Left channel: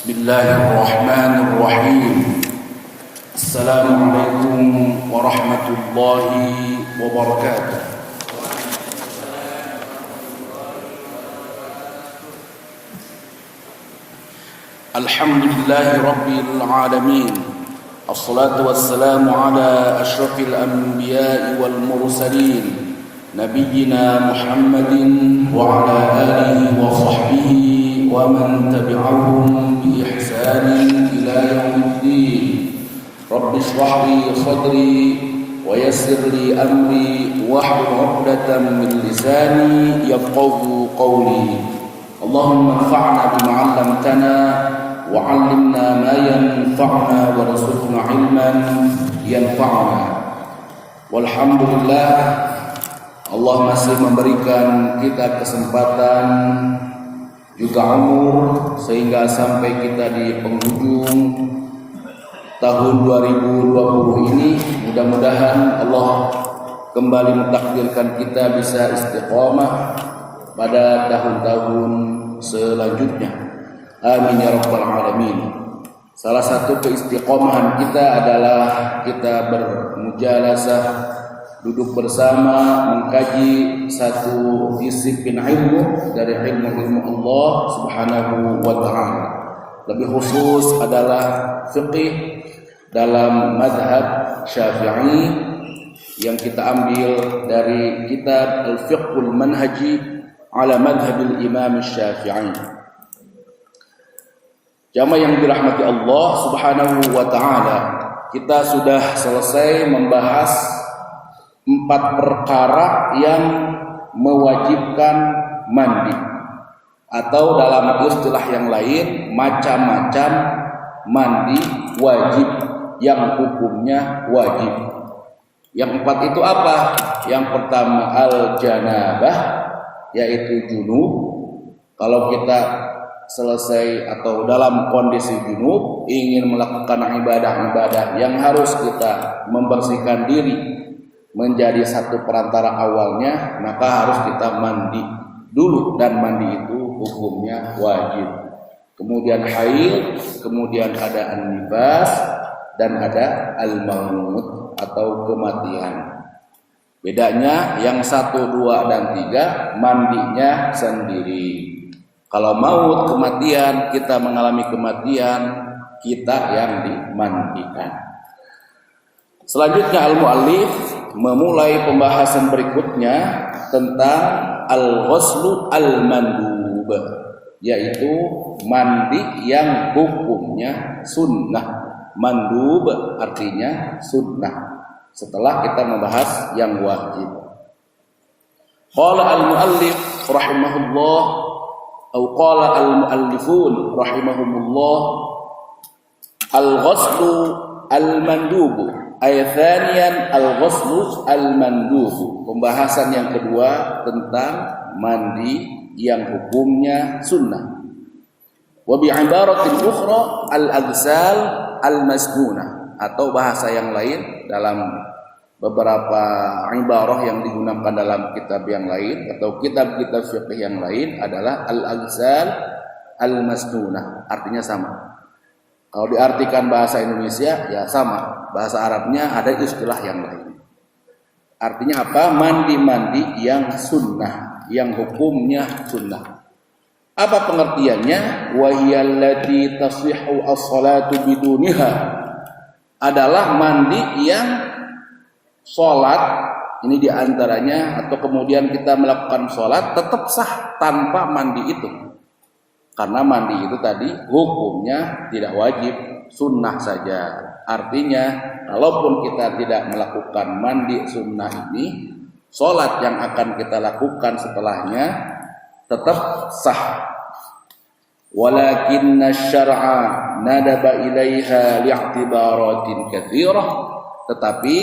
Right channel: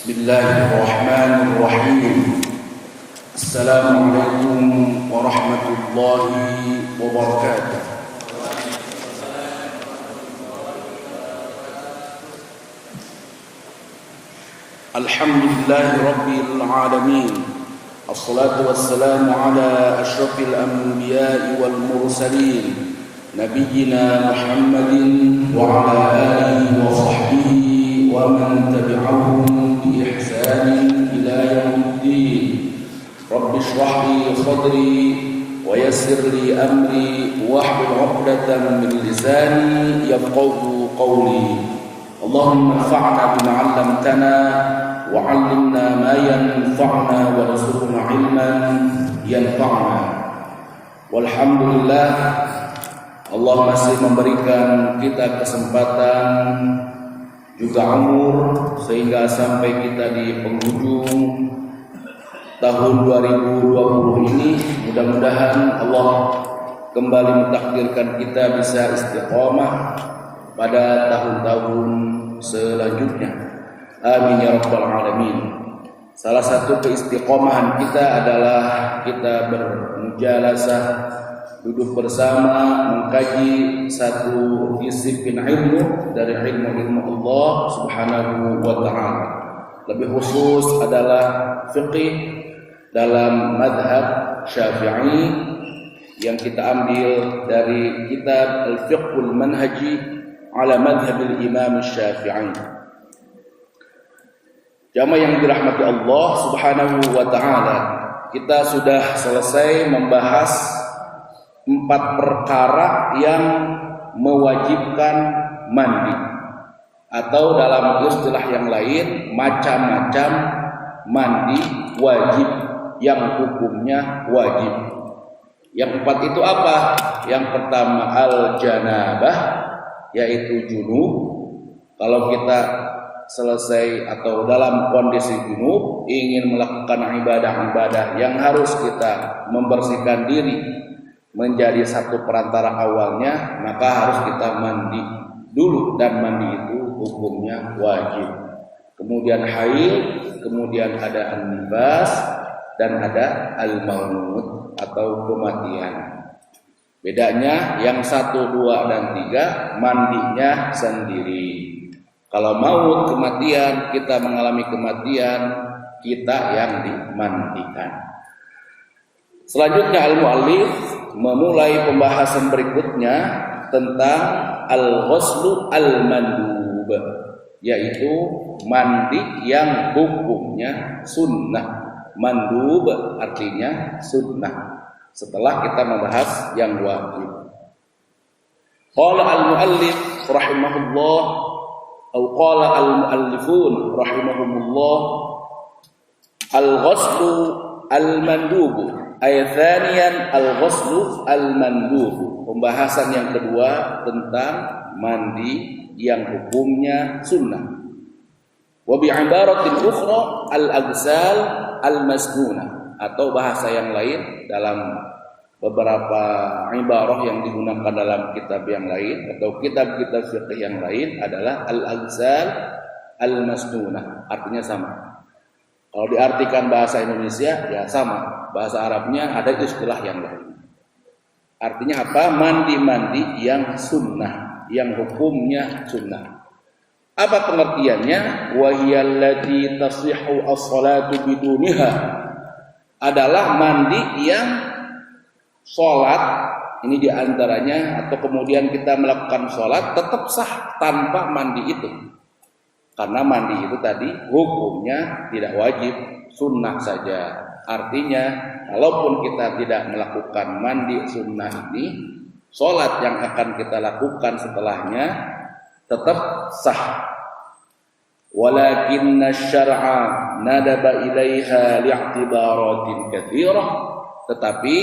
Bismillahirrahmanirrahim. Assalamualaikum warahmatullahi wabarakatuh. Alhamdulillahi rabbil alamin. Assalatu wassalamu ala asyrafil anbiya'i wal mursalin, nabiyyina Muhammadin wa ala alihi wa sahbihi wa man tabi'ahum bi ihsanin ila yaumiddin. Rabbi shrah li sadri wa yassir li amri wahlul 'uqdatam min lisani yafqahu qawli. Allahumma anfa'na bima 'allamtana wa 'allimna ma yanfa'una warzuqna 'ilman yanfa'una. Walhamdulillah, Allah masih memberikan kita kesempatan juga umur sehingga sampai kita di penghujung tahun 2020 ini. Mudah-mudahan Allah kembali mentakdirkan kita bisa istiqomah pada tahun-tahun selanjutnya. Amin ya rabbal alamin. Salah satu keistiqomahan kita adalah kita bermujalasah, duduk bersama mengkaji satu disiplin ilmu dari ilmu-ilmu Allah Subhanahu wa taala. Lebih khusus adalah fiqih dalam mazhab Syafi'i yang kita ambil dari kitab Al-Fiqhul Manhaji ala madhhabil Imam Syafi'i. Jamaah yang dirahmati Allah Subhanahu wa taala, kita sudah selesai membahas 4 perkara yang mewajibkan mandi, atau dalam istilah yang lain macam-macam mandi wajib yang hukumnya wajib. Yang 4 itu apa? Yang pertama al-janabah, yaitu junub. Kalau kita selesai atau dalam kondisi junub ingin melakukan ibadah-ibadah yang harus kita membersihkan diri menjadi satu perantara awalnya, maka harus kita mandi dulu, dan mandi itu hukumnya wajib. Kemudian haid, kemudian ada an-nifas, dan ada al-maut atau kematian. Bedanya yang 1, 2, dan 3 mandinya sendiri. Kalau maut, kematian, kita mengalami kematian, kita yang dimandikan. Selanjutnya al-mu'allif memulai pembahasan berikutnya tentang al-ghuslu al-mandub, yaitu mandi yang hukumnya sunnah. Mandub artinya sunnah, setelah kita membahas yang wajib. Qala al-mu'allif rahimahullah, atau qala al-mu'allifun rahimahumullah, al-ghuslu al-mandub ay thaniyan al-ghuslu al-mandub. Pembahasan yang kedua tentang mandi yang hukumnya sunnah. Wa bi ibaratin ukhra al-aghsal al-masnunah, atau bahasa yang lain dalam beberapa ibarah yang digunakan dalam kitab yang lain atau kitab-kitab fiqh yang lain adalah al-aghsal al-masnunah, artinya sama. Kalau diartikan bahasa Indonesia ya sama, bahasa Arabnya ada istilah yang lain. Artinya apa? Mandi-mandi yang sunnah, yang hukumnya sunnah. Apa pengertiannya? Wa hiyallati tasihhu as-salatu biduniha, adalah mandi yang sholat ini diantaranya, atau kemudian kita melakukan sholat tetap sah tanpa mandi itu. Karena mandi itu tadi hukumnya tidak wajib, sunnah saja. Artinya kalaupun kita tidak melakukan mandi sunnah ini, sholat yang akan kita lakukan setelahnya tetap sah. Walakinna syar'a nadaba ilaiha li'tibaratin katsirah, tetapi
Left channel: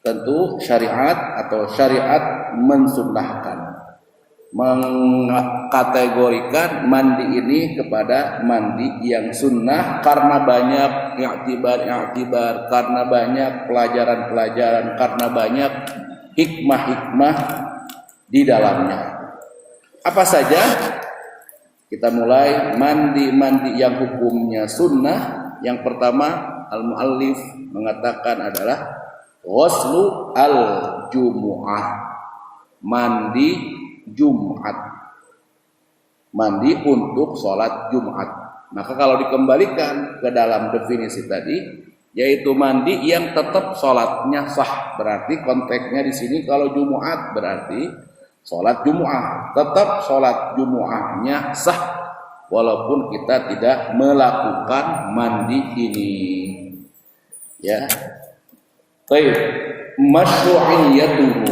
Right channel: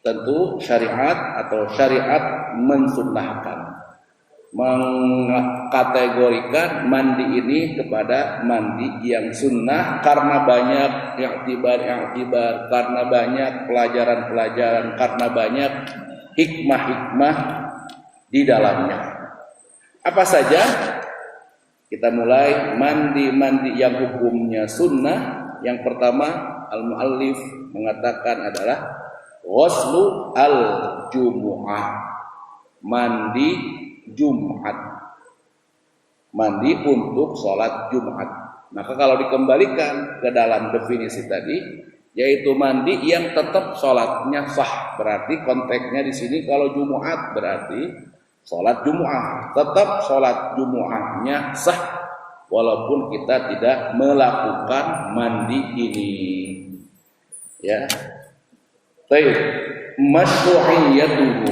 tentu syariat mensunnahkan, mengkategorikan mandi ini kepada mandi yang sunnah karena banyak i'tibar, karena banyak pelajaran-pelajaran, karena banyak hikmah-hikmah di dalamnya. Apa saja? Kita mulai mandi yang hukumnya sunnah. Yang pertama, al-muallif mengatakan adalah ghuslu al-jumu'ah, mandi Jumat, mandi untuk sholat Jumat. Maka kalau dikembalikan ke dalam definisi tadi, yaitu mandi yang tetap sholatnya sah. Berarti konteksnya di sini kalau Jumat berarti sholat Jumat, tetap sholat Jumatnya sah walaupun kita tidak melakukan mandi ini. Ya, baik. Masyru'iyyatuhu.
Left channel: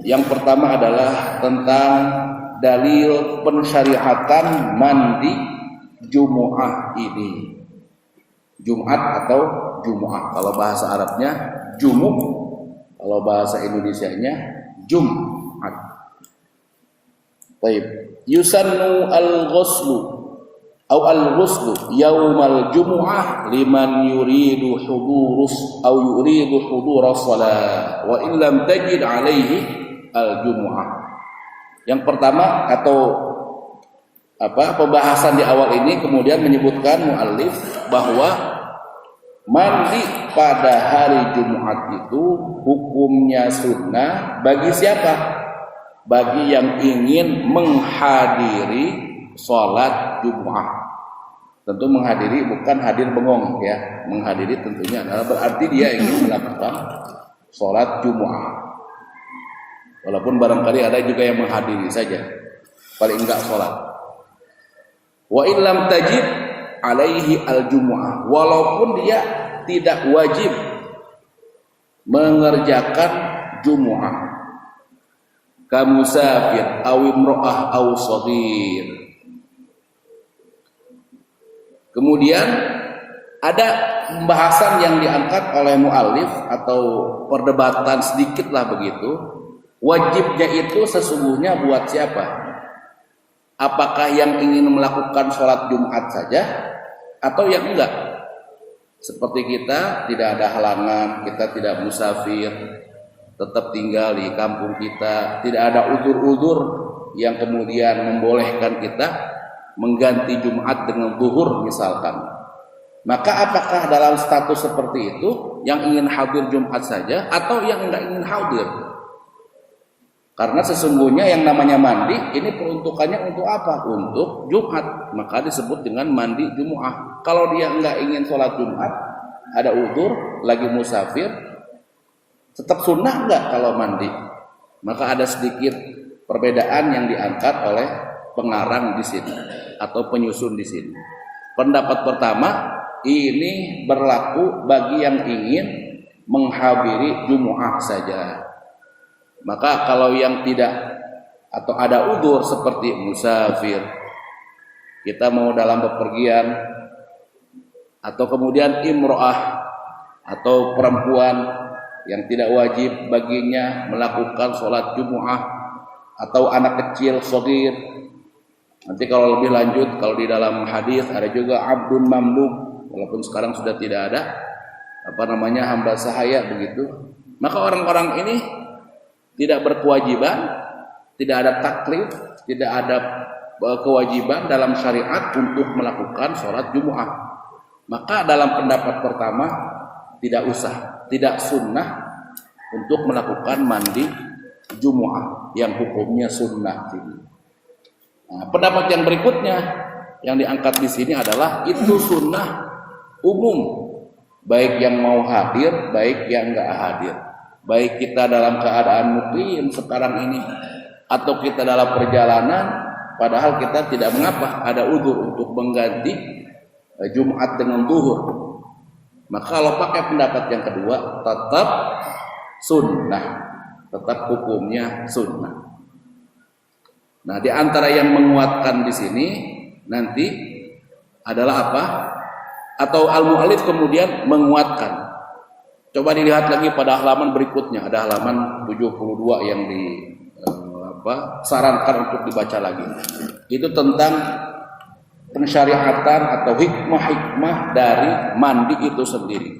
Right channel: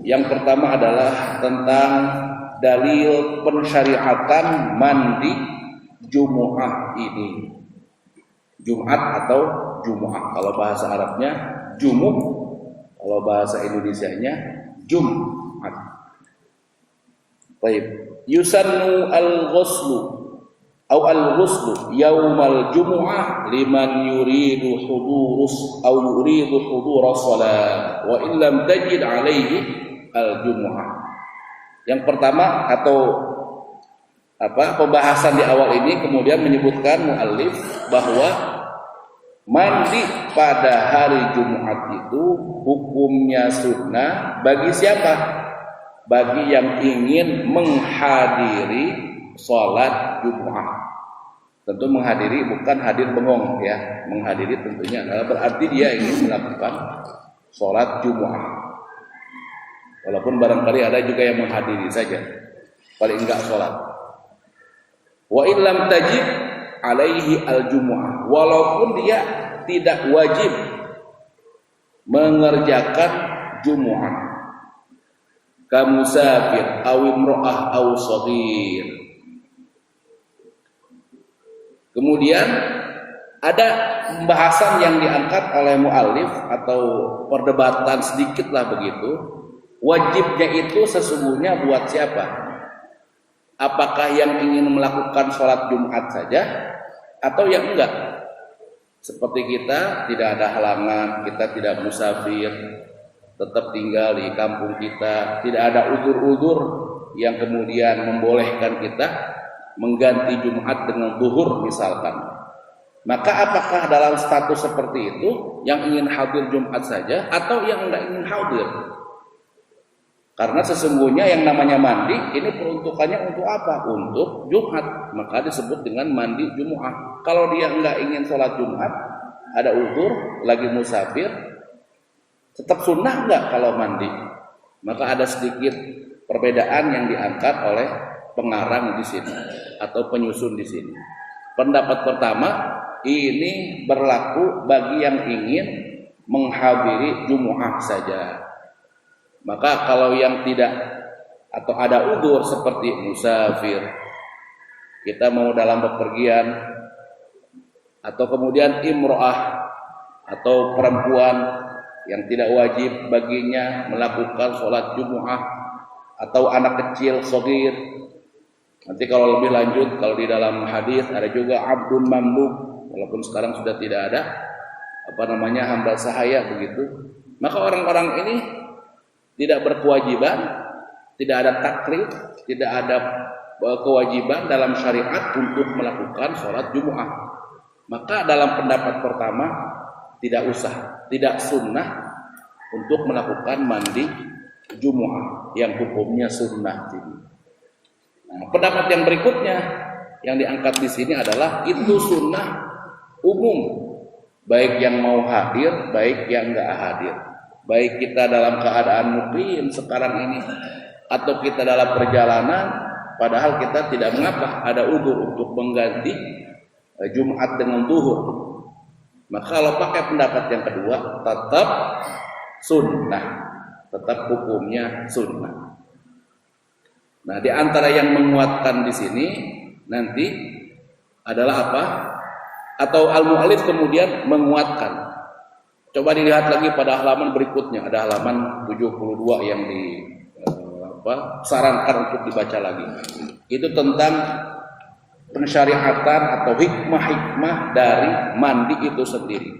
Yang pertama adalah tentang dalil pensyariatan mandi Jumu'ah ini. Jumat atau Jumu'ah. Kalau bahasa Arabnya Jumu', kalau bahasa Indonesianya Jum'at. Baik. Yusannu al-ghuslu atau al-ghuslu yaumal Jumu'ah liman yuridu hudurus atau yuridu huduras shalah wa in lam tajid alaihi al-Jumu'ah. Yang pertama atau pembahasan di awal ini kemudian menyebutkan muallif bahwa mandi pada hari Jumat itu hukumnya sunnah bagi siapa? Bagi yang ingin menghadiri sholat Jumat. Tentu menghadiri bukan hadir bengong ya. Menghadiri tentunya adalah berarti dia ingin melakukan sholat Jumat. Walaupun barangkali ada juga yang menghadiri saja, paling enggak sholat. Wa illam tajib alaihi al-jumu'ah, walaupun dia tidak wajib mengerjakan Jumu'ah, kamusafir aw imra'ah aw shaghir. Kemudian ada pembahasan yang diangkat oleh muallif atau perdebatan sedikitlah begitu. Wajibnya itu sesungguhnya buat siapa? Apakah yang ingin melakukan sholat Jumat saja atau yang enggak? Seperti kita tidak ada halangan, kita tidak musafir, tetap tinggal di kampung kita, tidak ada udzur-udzur yang kemudian membolehkan kita mengganti Jumat dengan zuhur misalkan. Maka apakah dalam status seperti itu yang ingin hadir Jumat saja atau yang enggak ingin hadir? Karena sesungguhnya yang namanya mandi ini peruntukannya untuk apa? Untuk Jumat. Maka disebut dengan mandi Jumu'ah. Kalau dia enggak ingin sholat Jumat, ada udzur, lagi musafir, tetap sunnah enggak kalau mandi? Maka ada sedikit perbedaan yang diangkat oleh pengarang di sini atau penyusun di sini. Pendapat pertama, ini berlaku bagi yang ingin menghadiri Jumu'ah saja. Maka kalau yang tidak atau ada udzur seperti musafir, kita mau dalam bepergian, atau kemudian imro'ah atau perempuan yang tidak wajib baginya melakukan sholat Jumu'ah, atau anak kecil shaghir. Nanti kalau lebih lanjut, kalau di dalam hadis ada juga abdun mamluk, walaupun sekarang sudah tidak ada hamba sahaya begitu. Maka orang-orang ini tidak berkewajiban, tidak ada taklif, tidak ada kewajiban dalam syariat untuk melakukan sholat Jumu'ah. Maka dalam pendapat pertama tidak usah, tidak sunnah untuk melakukan mandi Jumu'ah yang hukumnya sunnah. Nah, pendapat yang berikutnya yang diangkat di sini adalah itu sunnah umum, baik yang mau hadir, baik yang enggak hadir. Baik kita dalam keadaan mukim sekarang ini atau kita dalam perjalanan, padahal kita tidak mengapa ada udzur untuk mengganti Jumat dengan zuhur. Maka kalau pakai pendapat yang kedua, tetap sunnah, tetap hukumnya sunnah. Nah, di antara yang menguatkan di sini nanti adalah apa? Atau al-mu'allif kemudian menguatkan. Coba dilihat lagi pada halaman berikutnya, ada halaman 72 yang sarankan untuk dibaca lagi. Itu tentang pensyariatan atau hikmah-hikmah dari mandi itu sendiri.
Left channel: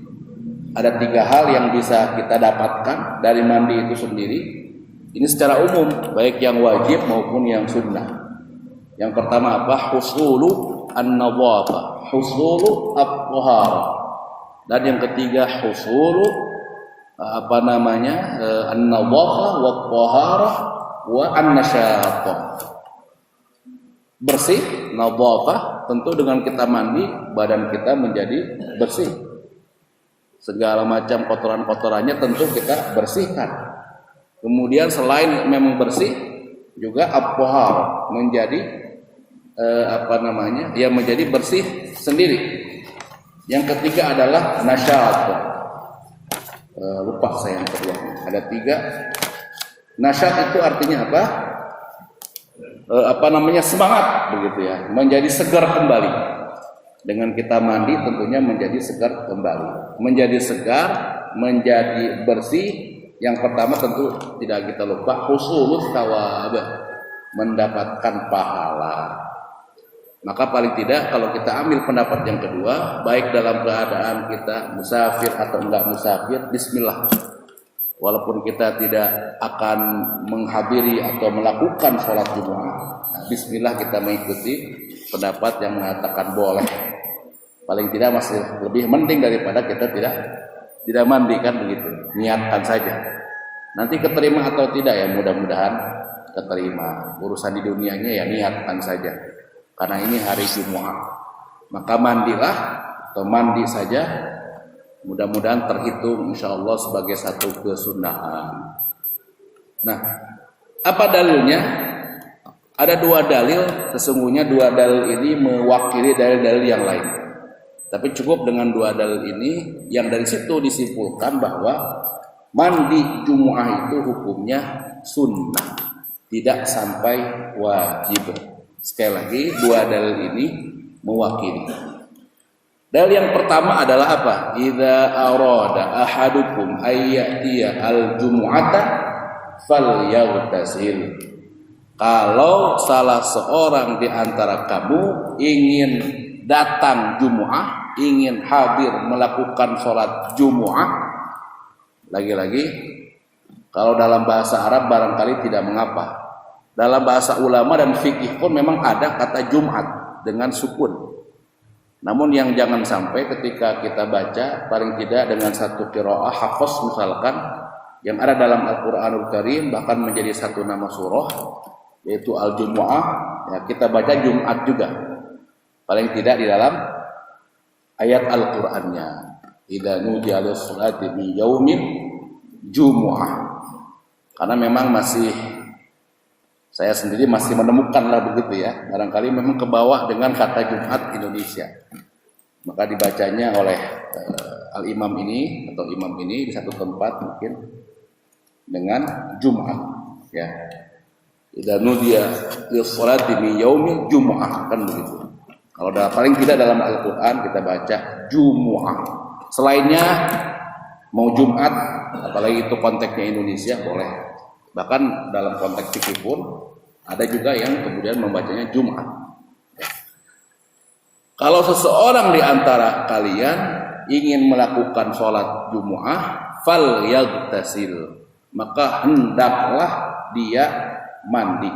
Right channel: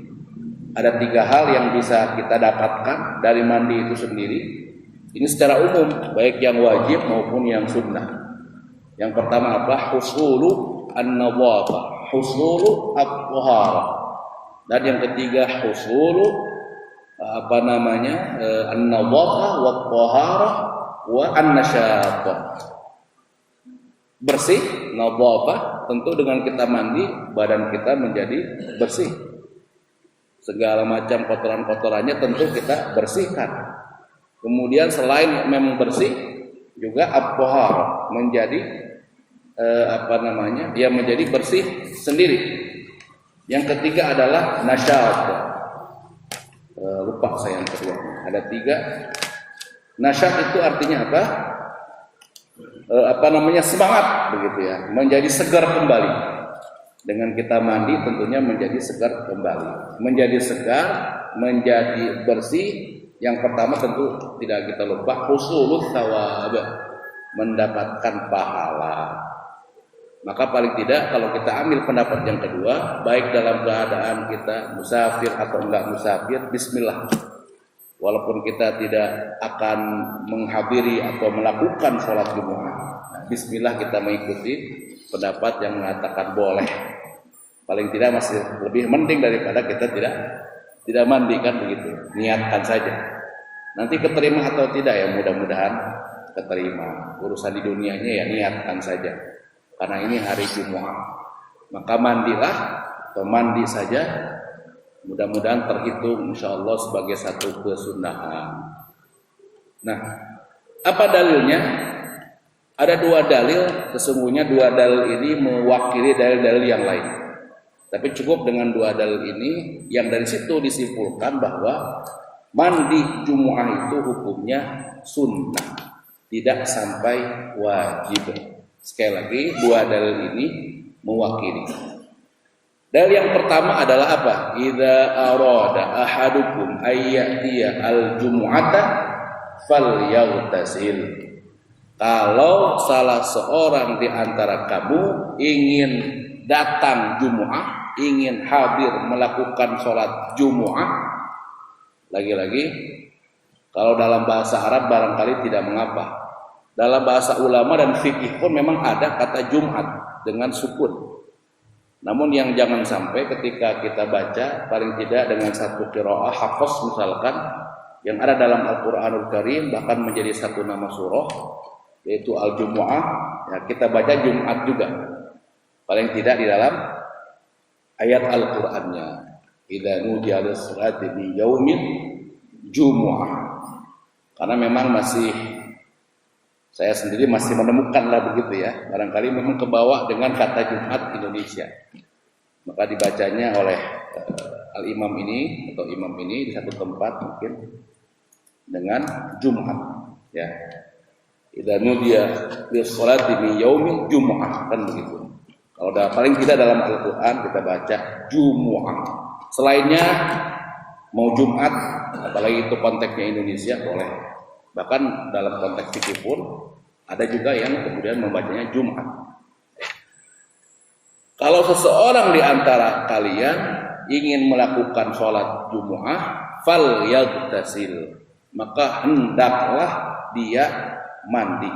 Ada 3 hal yang bisa kita dapatkan dari mandi itu sendiri. Ini secara umum, baik yang wajib maupun yang sunnah. Yang pertama apa? Husulu an-nadhafah, husulu at-taharah. Dan yang ketiga husulu an-nadhafah wa at-taharah wa an-nasyaṭah. Bersih, nadhafah, tentu dengan kita mandi badan kita menjadi bersih. Segala macam kotoran-kotorannya tentu kita bersihkan. Kemudian selain memang bersih, juga at-taharah menjadi menjadi bersih sendiri. Yang ketiga adalah nasyaṭah. Lupa saya yang kedua. Ada 3. Nasyat itu artinya apa? Semangat begitu ya, menjadi segar kembali. Dengan kita mandi tentunya menjadi segar kembali. Menjadi segar, menjadi bersih. Yang pertama tentu tidak kita lupa husulul thawab, mendapatkan pahala. Maka paling tidak kalau kita ambil pendapat yang kedua, baik dalam keadaan kita musafir atau enggak musafir, bismillah. Walaupun kita tidak akan menghadiri atau melakukan sholat Jumat, bismillah kita mengikuti pendapat yang mengatakan boleh. Paling tidak masih lebih mending daripada kita tidak mandi, kan begitu. Niatkan saja. Nanti keterima atau tidak ya, mudah-mudahan keterima. Urusan di dunianya ya niatkan saja. Karena ini hari Jumat. Maka mandilah atau mandi saja. Mudah-mudahan terhitung insyaallah sebagai satu kesunahan. Nah, apa dalilnya? Ada 2 dalil, sesungguhnya 2 dalil ini mewakili dalil-dalil yang lain. Tapi cukup dengan 2 dalil ini yang dari situ disimpulkan bahwa mandi Jumu'ah itu hukumnya sunnah, tidak sampai wajib. Sekali lagi 2 dalil ini mewakili. Dalil yang pertama adalah apa? Idza arada ahadukum ayyatiya al-jumu'ata falyaghtasil. Kalau salah seorang di antara kamu ingin datang Jumu'ah, ingin hadir melakukan sholat Jumu'ah, lagi-lagi kalau dalam bahasa Arab barangkali tidak mengapa. Dalam bahasa ulama dan fikih pun memang ada kata Jumat dengan sukun. Namun yang jangan sampai ketika kita baca paling tidak dengan satu qiraah hafaz misalkan yang ada dalam Al-Qur'anul Karim bahkan menjadi satu nama surah yaitu Al-Jumu'ah, ya kita baca Jumat juga. Paling tidak di dalam ayat Al-Qur'annya. Idza nudiya lis-salati min yaumin Jumu'ah. Karena memang saya sendiri masih menemukanlah begitu ya. Barangkali memang ke bawah dengan kata Jumat Indonesia. Maka dibacanya oleh al-imam ini atau imam ini di satu tempat mungkin dengan Jumat ya. Idza nudiya lis-salati min yaumil Jumu'ah, kan begitu. Kalau paling tidak dalam Al-Qur'an kita baca Jumu'ah. Selainnya mau Jumat, apalagi itu konteksnya Indonesia boleh. Bahkan dalam konteks fikih pun ada juga yang kemudian membacanya Jumat. Kalau seseorang di antara kalian ingin melakukan sholat Jumu'ah, fal yaghtasil, maka hendaklah dia mandi.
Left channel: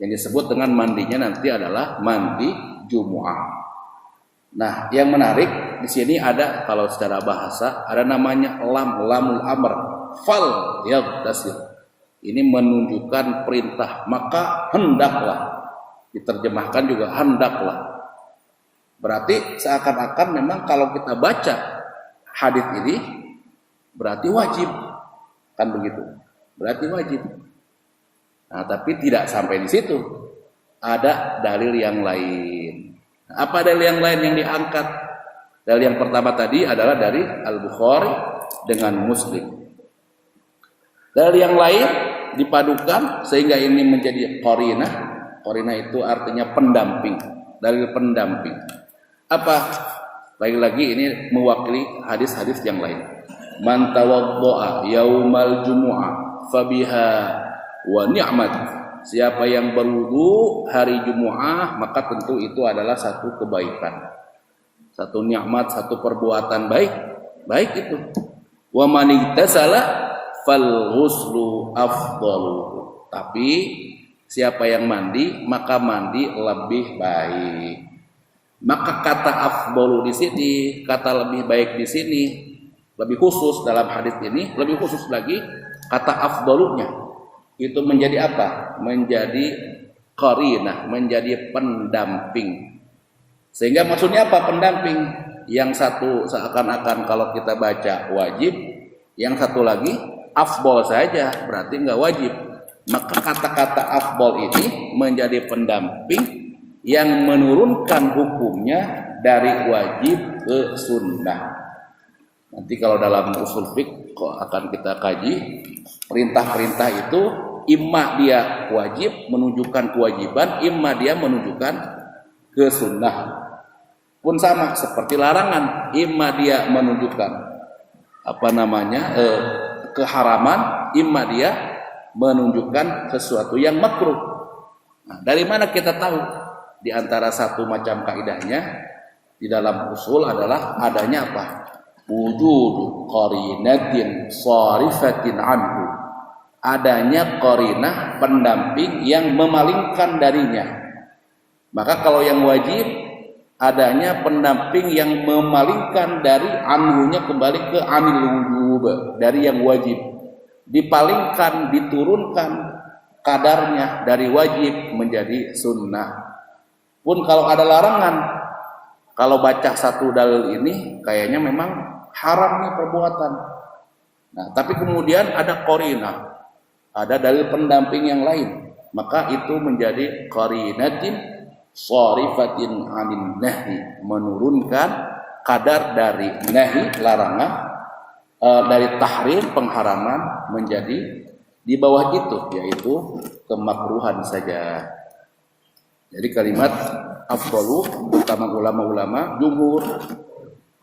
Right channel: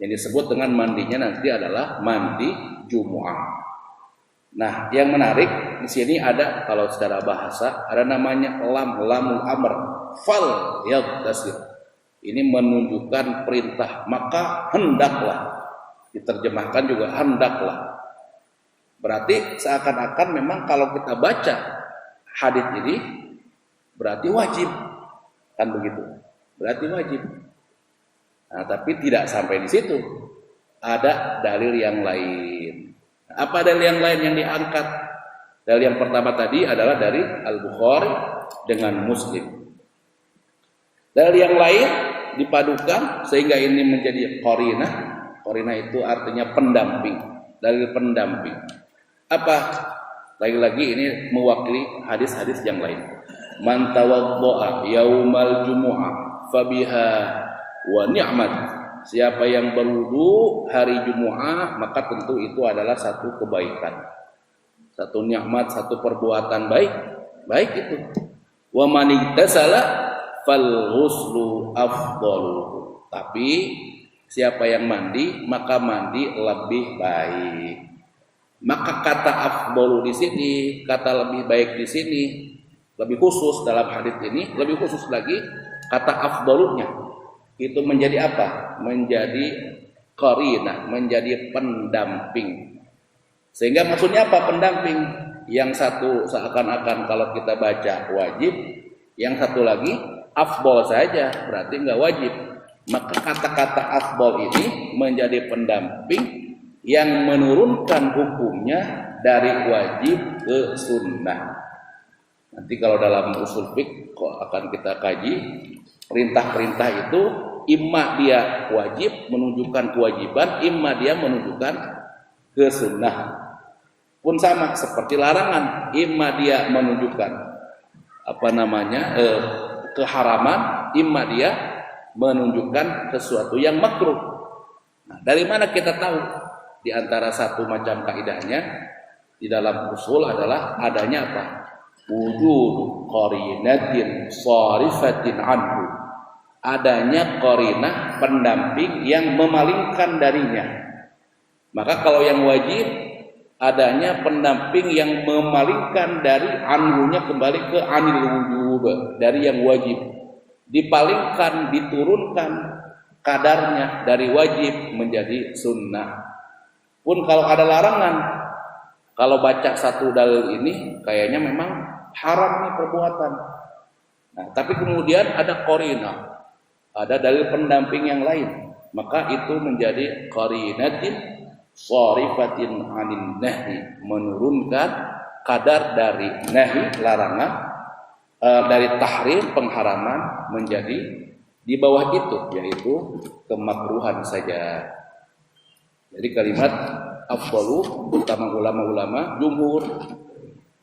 Yang disebut dengan mandinya nanti adalah mandi Jumu'ah. Nah, yang menarik di sini ada kalau secara bahasa ada namanya lamul amr, fal yaghtasil. Ini menunjukkan perintah, maka hendaklah. Diterjemahkan juga hendaklah. Berarti seakan-akan memang kalau kita baca hadis ini berarti wajib. Kan begitu. Berarti wajib. Nah, tapi tidak sampai di situ. Ada dalil yang lain. Apa dalil yang lain yang diangkat? Dalil yang pertama tadi adalah dari Al-Bukhari dengan Muslim. Dalil yang lain dipadukan sehingga ini menjadi qarinah. Qarinah itu artinya pendamping, dalil pendamping. Apa? Lagi-lagi ini mewakili hadis-hadis yang lain. Man tawaddo'a yaumal jumu'ah fabiha wa ni'mat. Siapa yang berwudu hari Jumu'ah maka tentu itu adalah satu kebaikan. Satu nikmat, satu perbuatan baik. Baik itu. Wa man igtasala fal ghuslu afdalu. Tapi siapa yang mandi maka mandi lebih baik. Maka kata afdalu di sini, kata lebih baik di sini, lebih khusus dalam hadis ini, lebih khusus lagi kata afdalunya itu menjadi apa? Menjadi qarinah, menjadi pendamping. Sehingga maksudnya apa pendamping? Yang satu seakan-akan kalau kita baca wajib, yang satu lagi afdal saja, berarti enggak wajib. Maka kata-kata afdal ini menjadi pendamping yang menurunkan hukumnya dari wajib ke sunnah. Nanti kalau dalam usul fiqh akan kita kaji, perintah-perintah itu imma dia wajib menunjukkan kewajiban, imma dia menunjukkan ke sunnah. Pun sama seperti larangan, imma dia menunjukkan keharaman, imma dia menunjukkan sesuatu yang makruh. Nah, dari mana kita tahu? Di antara satu macam kaidahnya di dalam usul adalah adanya apa? Wujudu qarinatin sharifatin anhu. Adanya qarinah pendamping yang memalingkan darinya. Maka kalau yang wajib adanya pendamping yang memalingkan dari anhunya kembali ke anil wujub, dari yang wajib. Dipalingkan, diturunkan kadarnya dari wajib menjadi sunnah. Pun kalau ada larangan, kalau baca satu dalil ini kayaknya memang haram nih perbuatan. Nah, tapi kemudian ada qarinah, ada dalil pendamping yang lain, maka itu menjadi qarinatin sharifatin anin nahi, menurunkan kadar dari nahi larangan, dari tahrim pengharaman menjadi di bawah itu, yaitu kemakruhan saja. Jadi kalimat afdalu, utama ulama-ulama jumhur,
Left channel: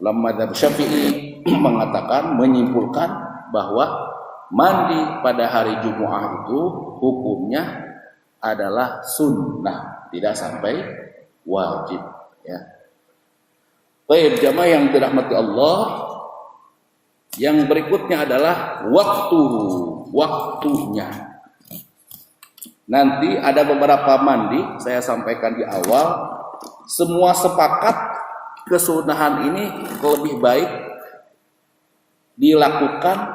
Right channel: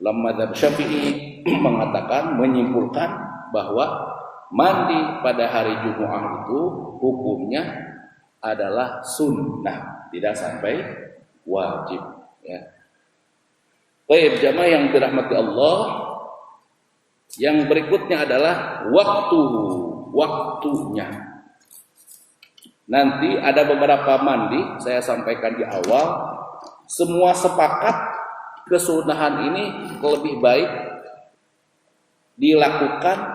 ulama madzhab Syafi'i mengatakan, menyimpulkan bahwa mandi pada hari Jumat itu hukumnya adalah sunnah, tidak sampai wajib. Ya. Baik jamaah yang dirahmati Allah, yang berikutnya adalah waktunya. Nanti ada beberapa mandi, saya sampaikan di awal, semua sepakat kesunahan ini lebih baik dilakukan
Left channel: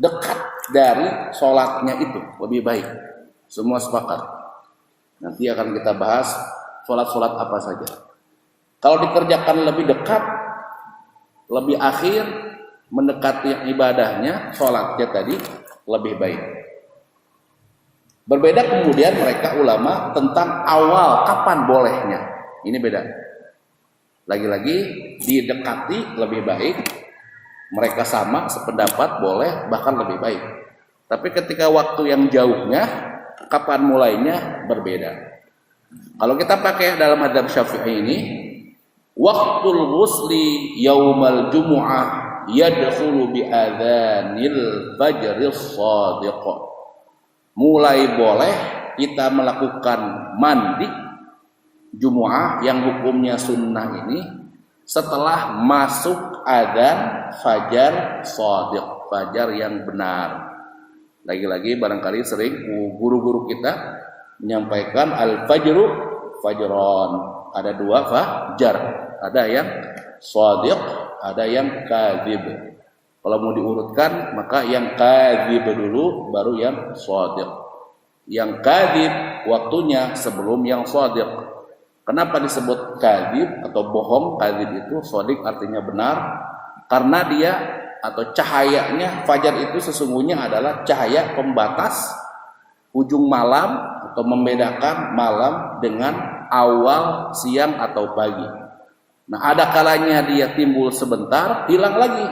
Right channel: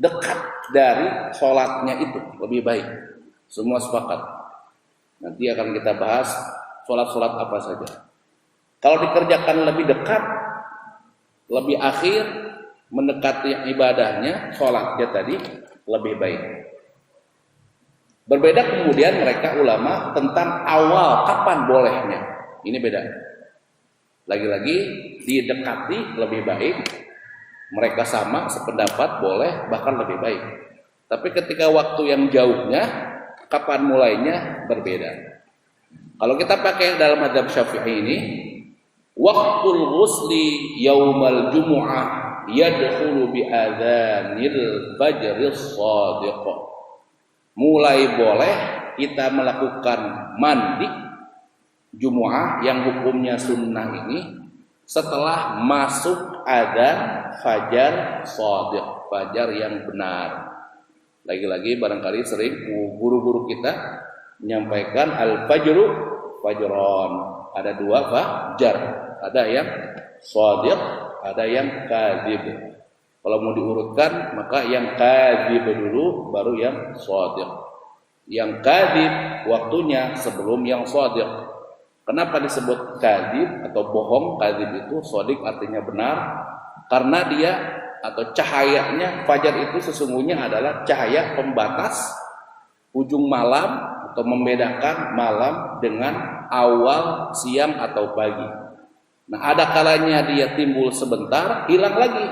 dekat dari sholatnya itu, lebih baik. Semua sepakat. Nanti akan kita bahas sholat-sholat apa saja. Kalau dikerjakan lebih dekat, lebih akhir, mendekati ibadahnya, sholatnya tadi lebih baik. Berbeda kemudian mereka ulama tentang awal kapan bolehnya. Ini beda. Lagi-lagi didekati lebih baik. Mereka sama sependapat boleh bahkan lebih baik. Tapi ketika waktu yang jauhnya, kapan mulainya berbeda. Kalau kita pakai dalam madzhab Syafi'i ini, waqtul ghusli yaumal jumu'ah yadkhulu bi adzanil fajris shadiq. Mulai boleh kita melakukan mandi Jumu'ah yang hukumnya sunnah ini setelah masuk adzan fajar shadiq, fajar yang benar. Lagi-lagi barangkali sering guru-guru kita menyampaikan al-fajru fajron. Ada dua fajar, ada yang shadiq, ada yang kadzib. Kalau mau diurutkan, maka yang kadzib dulu, baru yang shadiq. Yang kadzib waktunya sebelum yang shadiq. Kenapa disebut kadzib atau bohong? Kadzib itu, shadiq artinya benar, karena dia atau cahayanya fajar itu sesungguhnya adalah cahaya pembatas ujung malam atau membedakan malam dengan awal siang atau pagi. Nah, ada kalanya dia timbul sebentar, hilang lagi.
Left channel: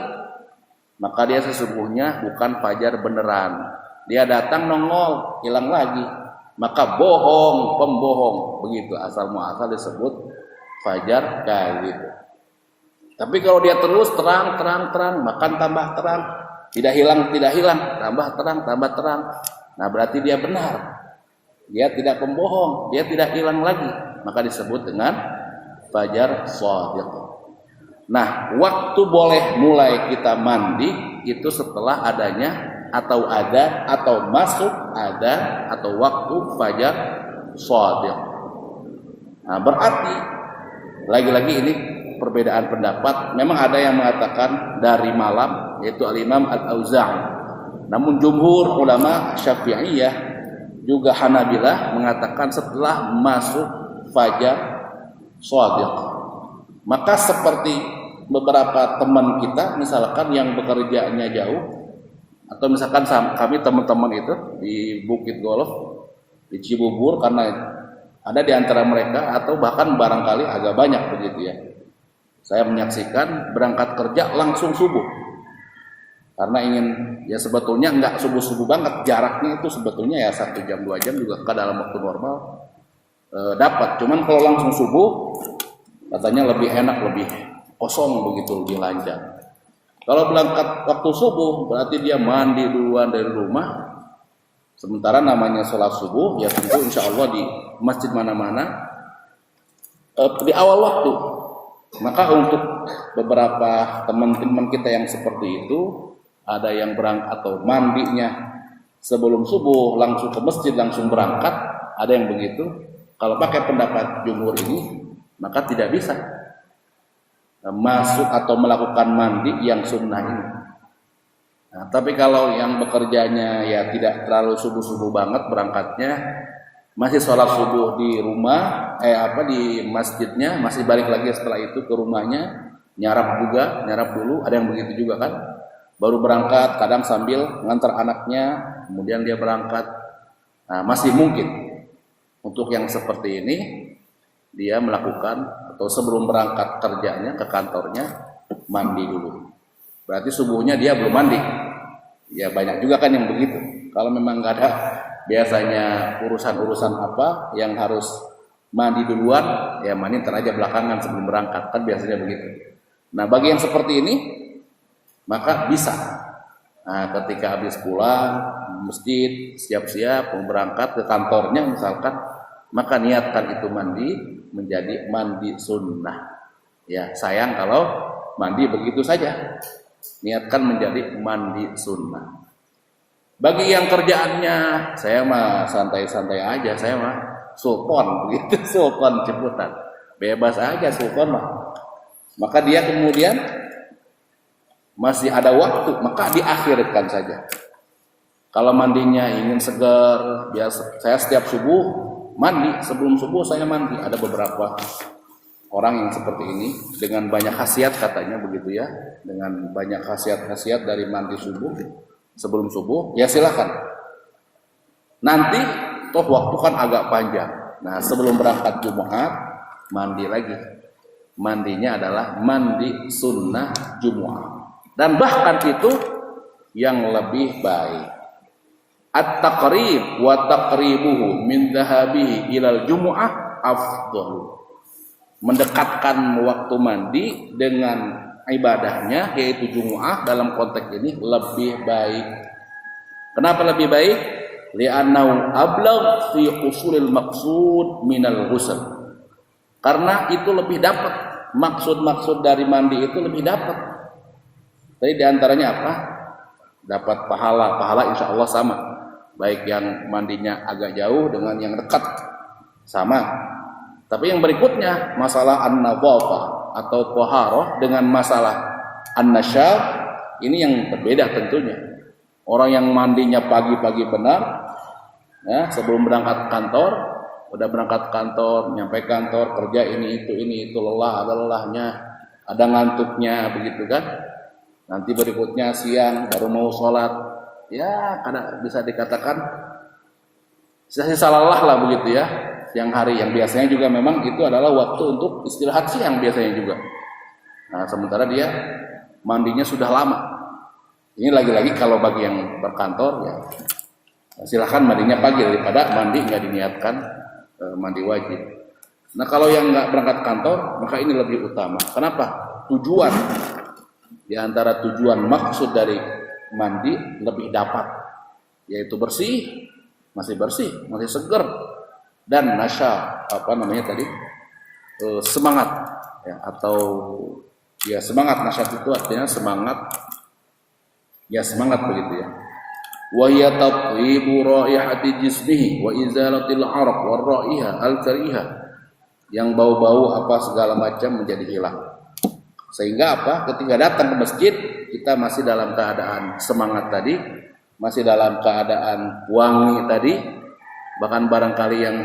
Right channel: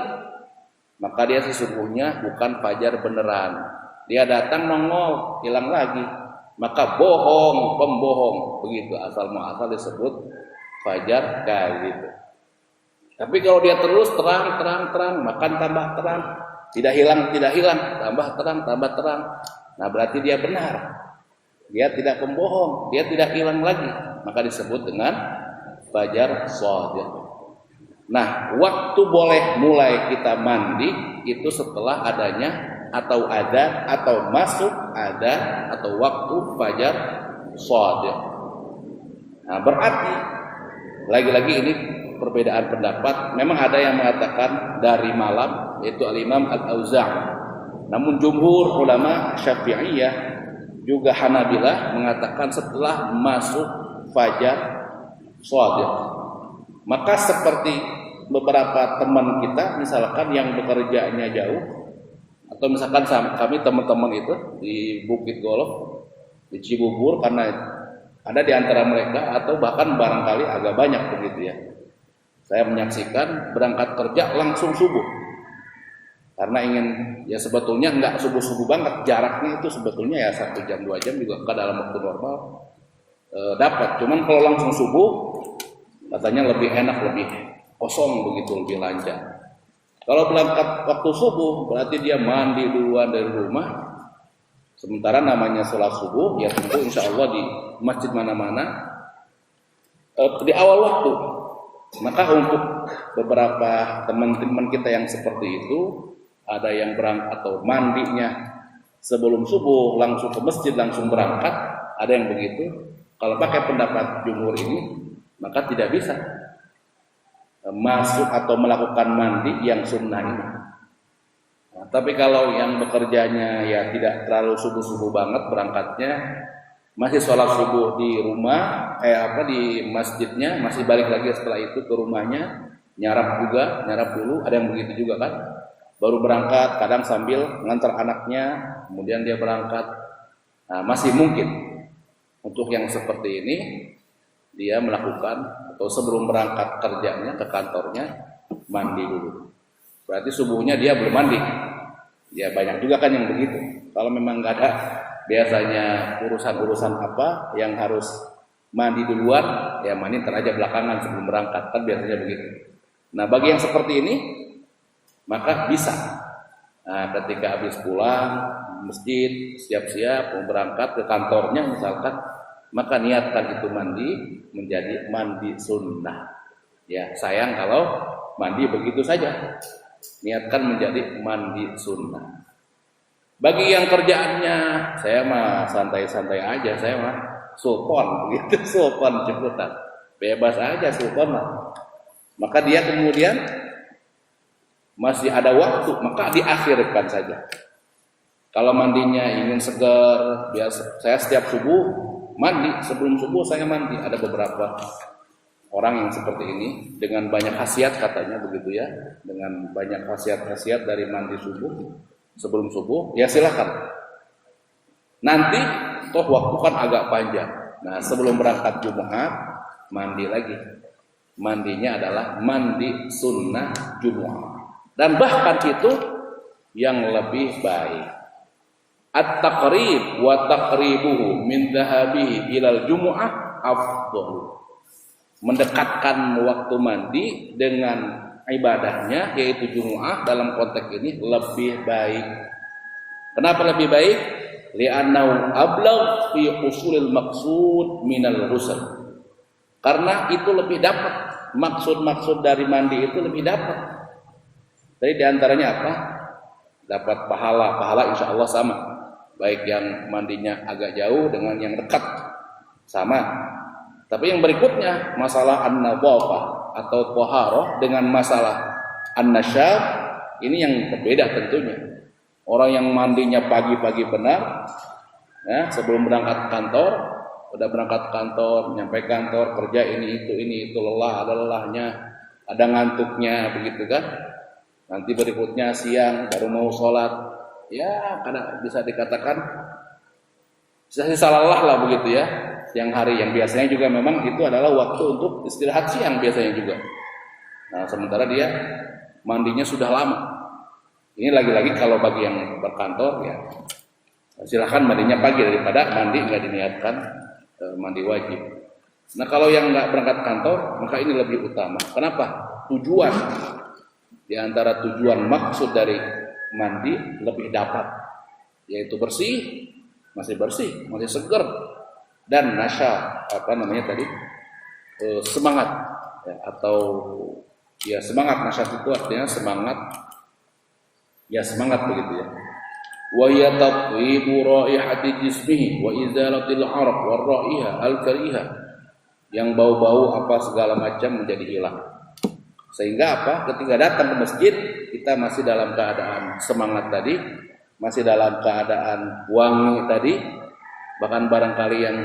Maka dia sesungguhnya bukan fajar beneran. Dia datang nongol, hilang lagi. Maka bohong, pembohong. Begitu asal muasal disebut fajar kadzib. Tapi kalau dia terus terang, makan tambah terang, tidak hilang, tambah terang. Nah, berarti dia benar. Dia tidak pembohong, dia tidak hilang lagi. Maka disebut dengan fajar shadiq. Nah, waktu boleh mulai kita mandi itu setelah adanya atau adzan atau masuk adzan atau waktu fajar shadiq. Nah, berarti lagi-lagi ini perbedaan pendapat. Memang ada yang mengatakan dari malam, yaitu Al-Imam Al-Auza'i. Namun jumhur ulama Syafi'iyah juga Hanabilah mengatakan setelah masuk fajar shadiq. Maka seperti beberapa teman kita misalkan yang bekerjanya jauh, atau misalkan kami teman-teman itu di Bukit Golf, di Cibubur, karena ada di antara mereka atau bahkan barangkali agak banyak begitu ya. Saya menyaksikan berangkat kerja langsung subuh. Karena ingin, ya sebetulnya nggak subuh-subuh banget, jaraknya itu sebetulnya ya 1 jam 2 jam juga ke dalam waktu normal dapat. Cuman kalau langsung subuh katanya lebih enak, lebih kosong begitu, lebih lancar. Kalau berangkat waktu subuh berarti dia mandi duluan dari rumah. Sementara namanya sholat subuh ya tentu insya Allah di masjid mana-mana di awal waktu. Maka untuk beberapa teman-teman kita yang seperti itu, ada yang berangkat atau mandinya sebelum subuh langsung ke masjid langsung berangkat, ada yang begitu. Kalau pakai pendapat jumhur ini, maka tidak bisa masuk atau melakukan mandi yang sunnah ini. Nah, tapi kalau yang bekerjanya ya tidak terlalu subuh-subuh banget berangkatnya, masih sholat subuh di rumah, di masjidnya, masih balik lagi setelah itu ke rumahnya, nyarap dulu, ada yang begitu juga kan, baru berangkat, kadang sambil ngantar anaknya, kemudian dia berangkat. Nah, masih mungkin untuk yang seperti ini dia melakukan atau sebelum berangkat kerjanya ke kantornya mandi dulu. Berarti subuhnya dia belum mandi. Ya banyak juga kan yang begitu. Kalau memang nggak ada biasanya urusan-urusan apa yang harus mandi duluan, ya mandi ntar aja belakangan sebelum berangkat, kan biasanya begitu. Nah bagi yang seperti ini maka bisa. Nah, ketika habis pulang masjid, siap-siap mau berangkat ke kantornya misalkan, maka niatkan itu mandi menjadi mandi sunnah. Ya sayang kalau mandi begitu saja. Niatkan menjadi mandi sunnah. Bagi yang kerjaannya saya mah santai-santai aja, saya mah sultan begitu, sultan Ciputat, bebas aja sultan mah. Maka dia kemudian masih ada waktu, maka diakhirkan saja. Kalau mandinya ingin segar, biasa saya setiap subuh mandi, sebelum subuh saya mandi. Ada beberapa orang yang seperti ini dengan banyak khasiat katanya begitu ya, dengan banyak khasiat-khasiat dari mandi subuh sebelum subuh, ya silakan. Nanti toh waktu kan agak panjang. Nah sebelum berangkat Jumat mandi lagi. Mandinya adalah mandi sunnah Jumat. Dan bahkan itu yang lebih baik. At-taqrib wa taqribuhu min dhahabihi ilal Jumu'ah afdhalu. Mendekatkan waktu mandi dengan ibadahnya yaitu Jumu'ah dalam konteks ini lebih baik. Kenapa lebih baik? Li'annahu ablagh fi usulil maqsud minal ghusl. Karena itu lebih dapat, maksud-maksud dari mandi itu lebih dapat. Jadi diantaranya apa? Dapat pahala insya Allah sama. Baik yang mandinya agak jauh dengan yang dekat sama. Tapi yang berikutnya masalah an-nadhafah atau taharah dengan masalah an-nasyab ini yang berbeda tentunya. Orang yang mandinya pagi-pagi benar, ya, sebelum berangkat kantor, udah berangkat kantor, nyampe kantor, kerja ini itu lelah, ada lelahnya, ada ngantuknya begitu kan. Nanti berikutnya siang baru mau sholat, ya karena bisa dikatakan sisa-sisa lelah lah begitu ya. Siang hari yang biasanya juga memang itu adalah waktu untuk istirahat siang biasanya juga. Nah sementara dia mandinya sudah lama. Ini lagi-lagi kalau bagi yang berkantor ya silahkan mandinya pagi daripada mandi nggak diniatkan mandi wajib. Nah kalau yang nggak berangkat kantor maka ini lebih utama. Kenapa? Tujuan di antara tujuan maksud dari mandi lebih dapat, yaitu bersih, masih segar. Dan nasya semangat ya, atau ya semangat, nasya itu artinya semangat ya, semangat begitu ya. wa hiya tathibu raihati jismihi wa izalatil araq war raiha al kariha, yang bau-bau apa segala macam menjadi hilang. Sehingga apa? Ketika datang ke masjid kita masih dalam keadaan semangat tadi, masih dalam keadaan wangi tadi. Bahkan barangkali yang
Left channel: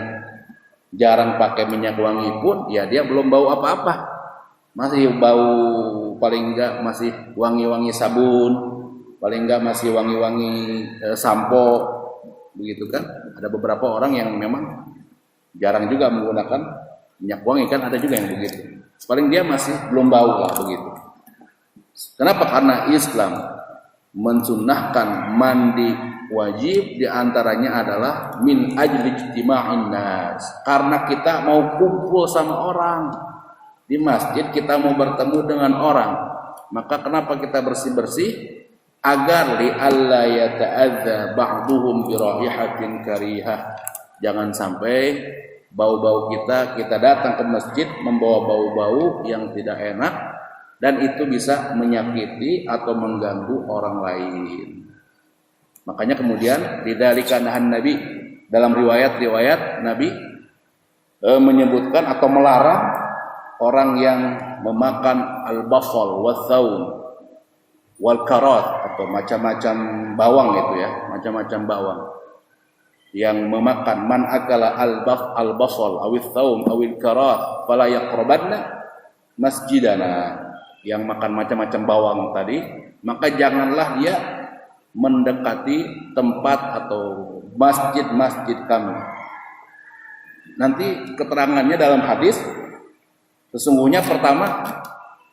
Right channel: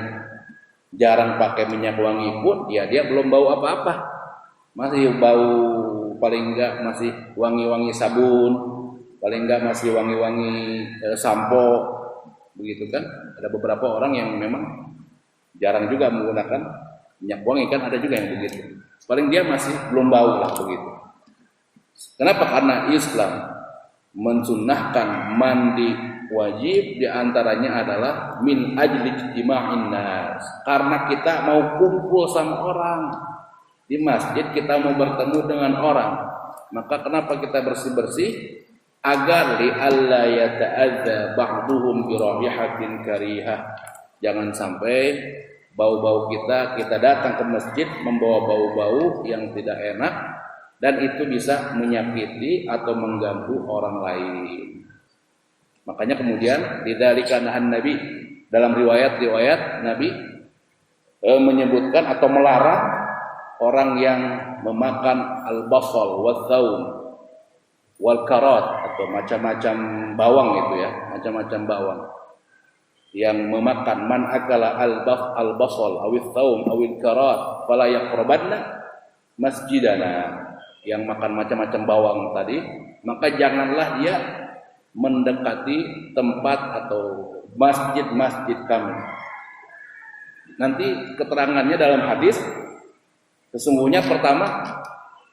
jarang pakai minyak wangi pun ya dia belum bau apa-apa, masih bau, paling enggak masih wangi-wangi sabun, paling enggak masih wangi-wangi sampo, begitu kan. Ada beberapa orang yang memang jarang juga menggunakan minyak wangi, kan ada juga yang begitu. Paling dia masih belum bau lah begitu. Kenapa? Karena Islam mensunnahkan mandi wajib, diantaranya adalah min ajli ijtima'in nas, karena kita mau kumpul sama orang di masjid, kita mau bertemu dengan orang. Maka kenapa kita bersih-bersih? Agar li alla yata'adza ba'duhum bi raihatin karihah. Jangan sampai bau-bau kita datang ke masjid membawa bau-bau yang tidak enak, dan itu bisa menyakiti atau mengganggu orang lain. Makanya kemudian lidzalika nahan Nabi, dalam riwayat Nabi menyebutkan atau melarang orang yang memakan al-basal wath-thaum wal karat, atau macam-macam bawang itu ya, macam-macam bawang. Yang memakan man akala al-basal awith thaum awil karat fala yaqrabanna masjidana, yang makan macam-macam bawang tadi, maka janganlah dia mendekati tempat atau masjid-masjid kami. Nanti keterangannya dalam hadis, sesungguhnya pertama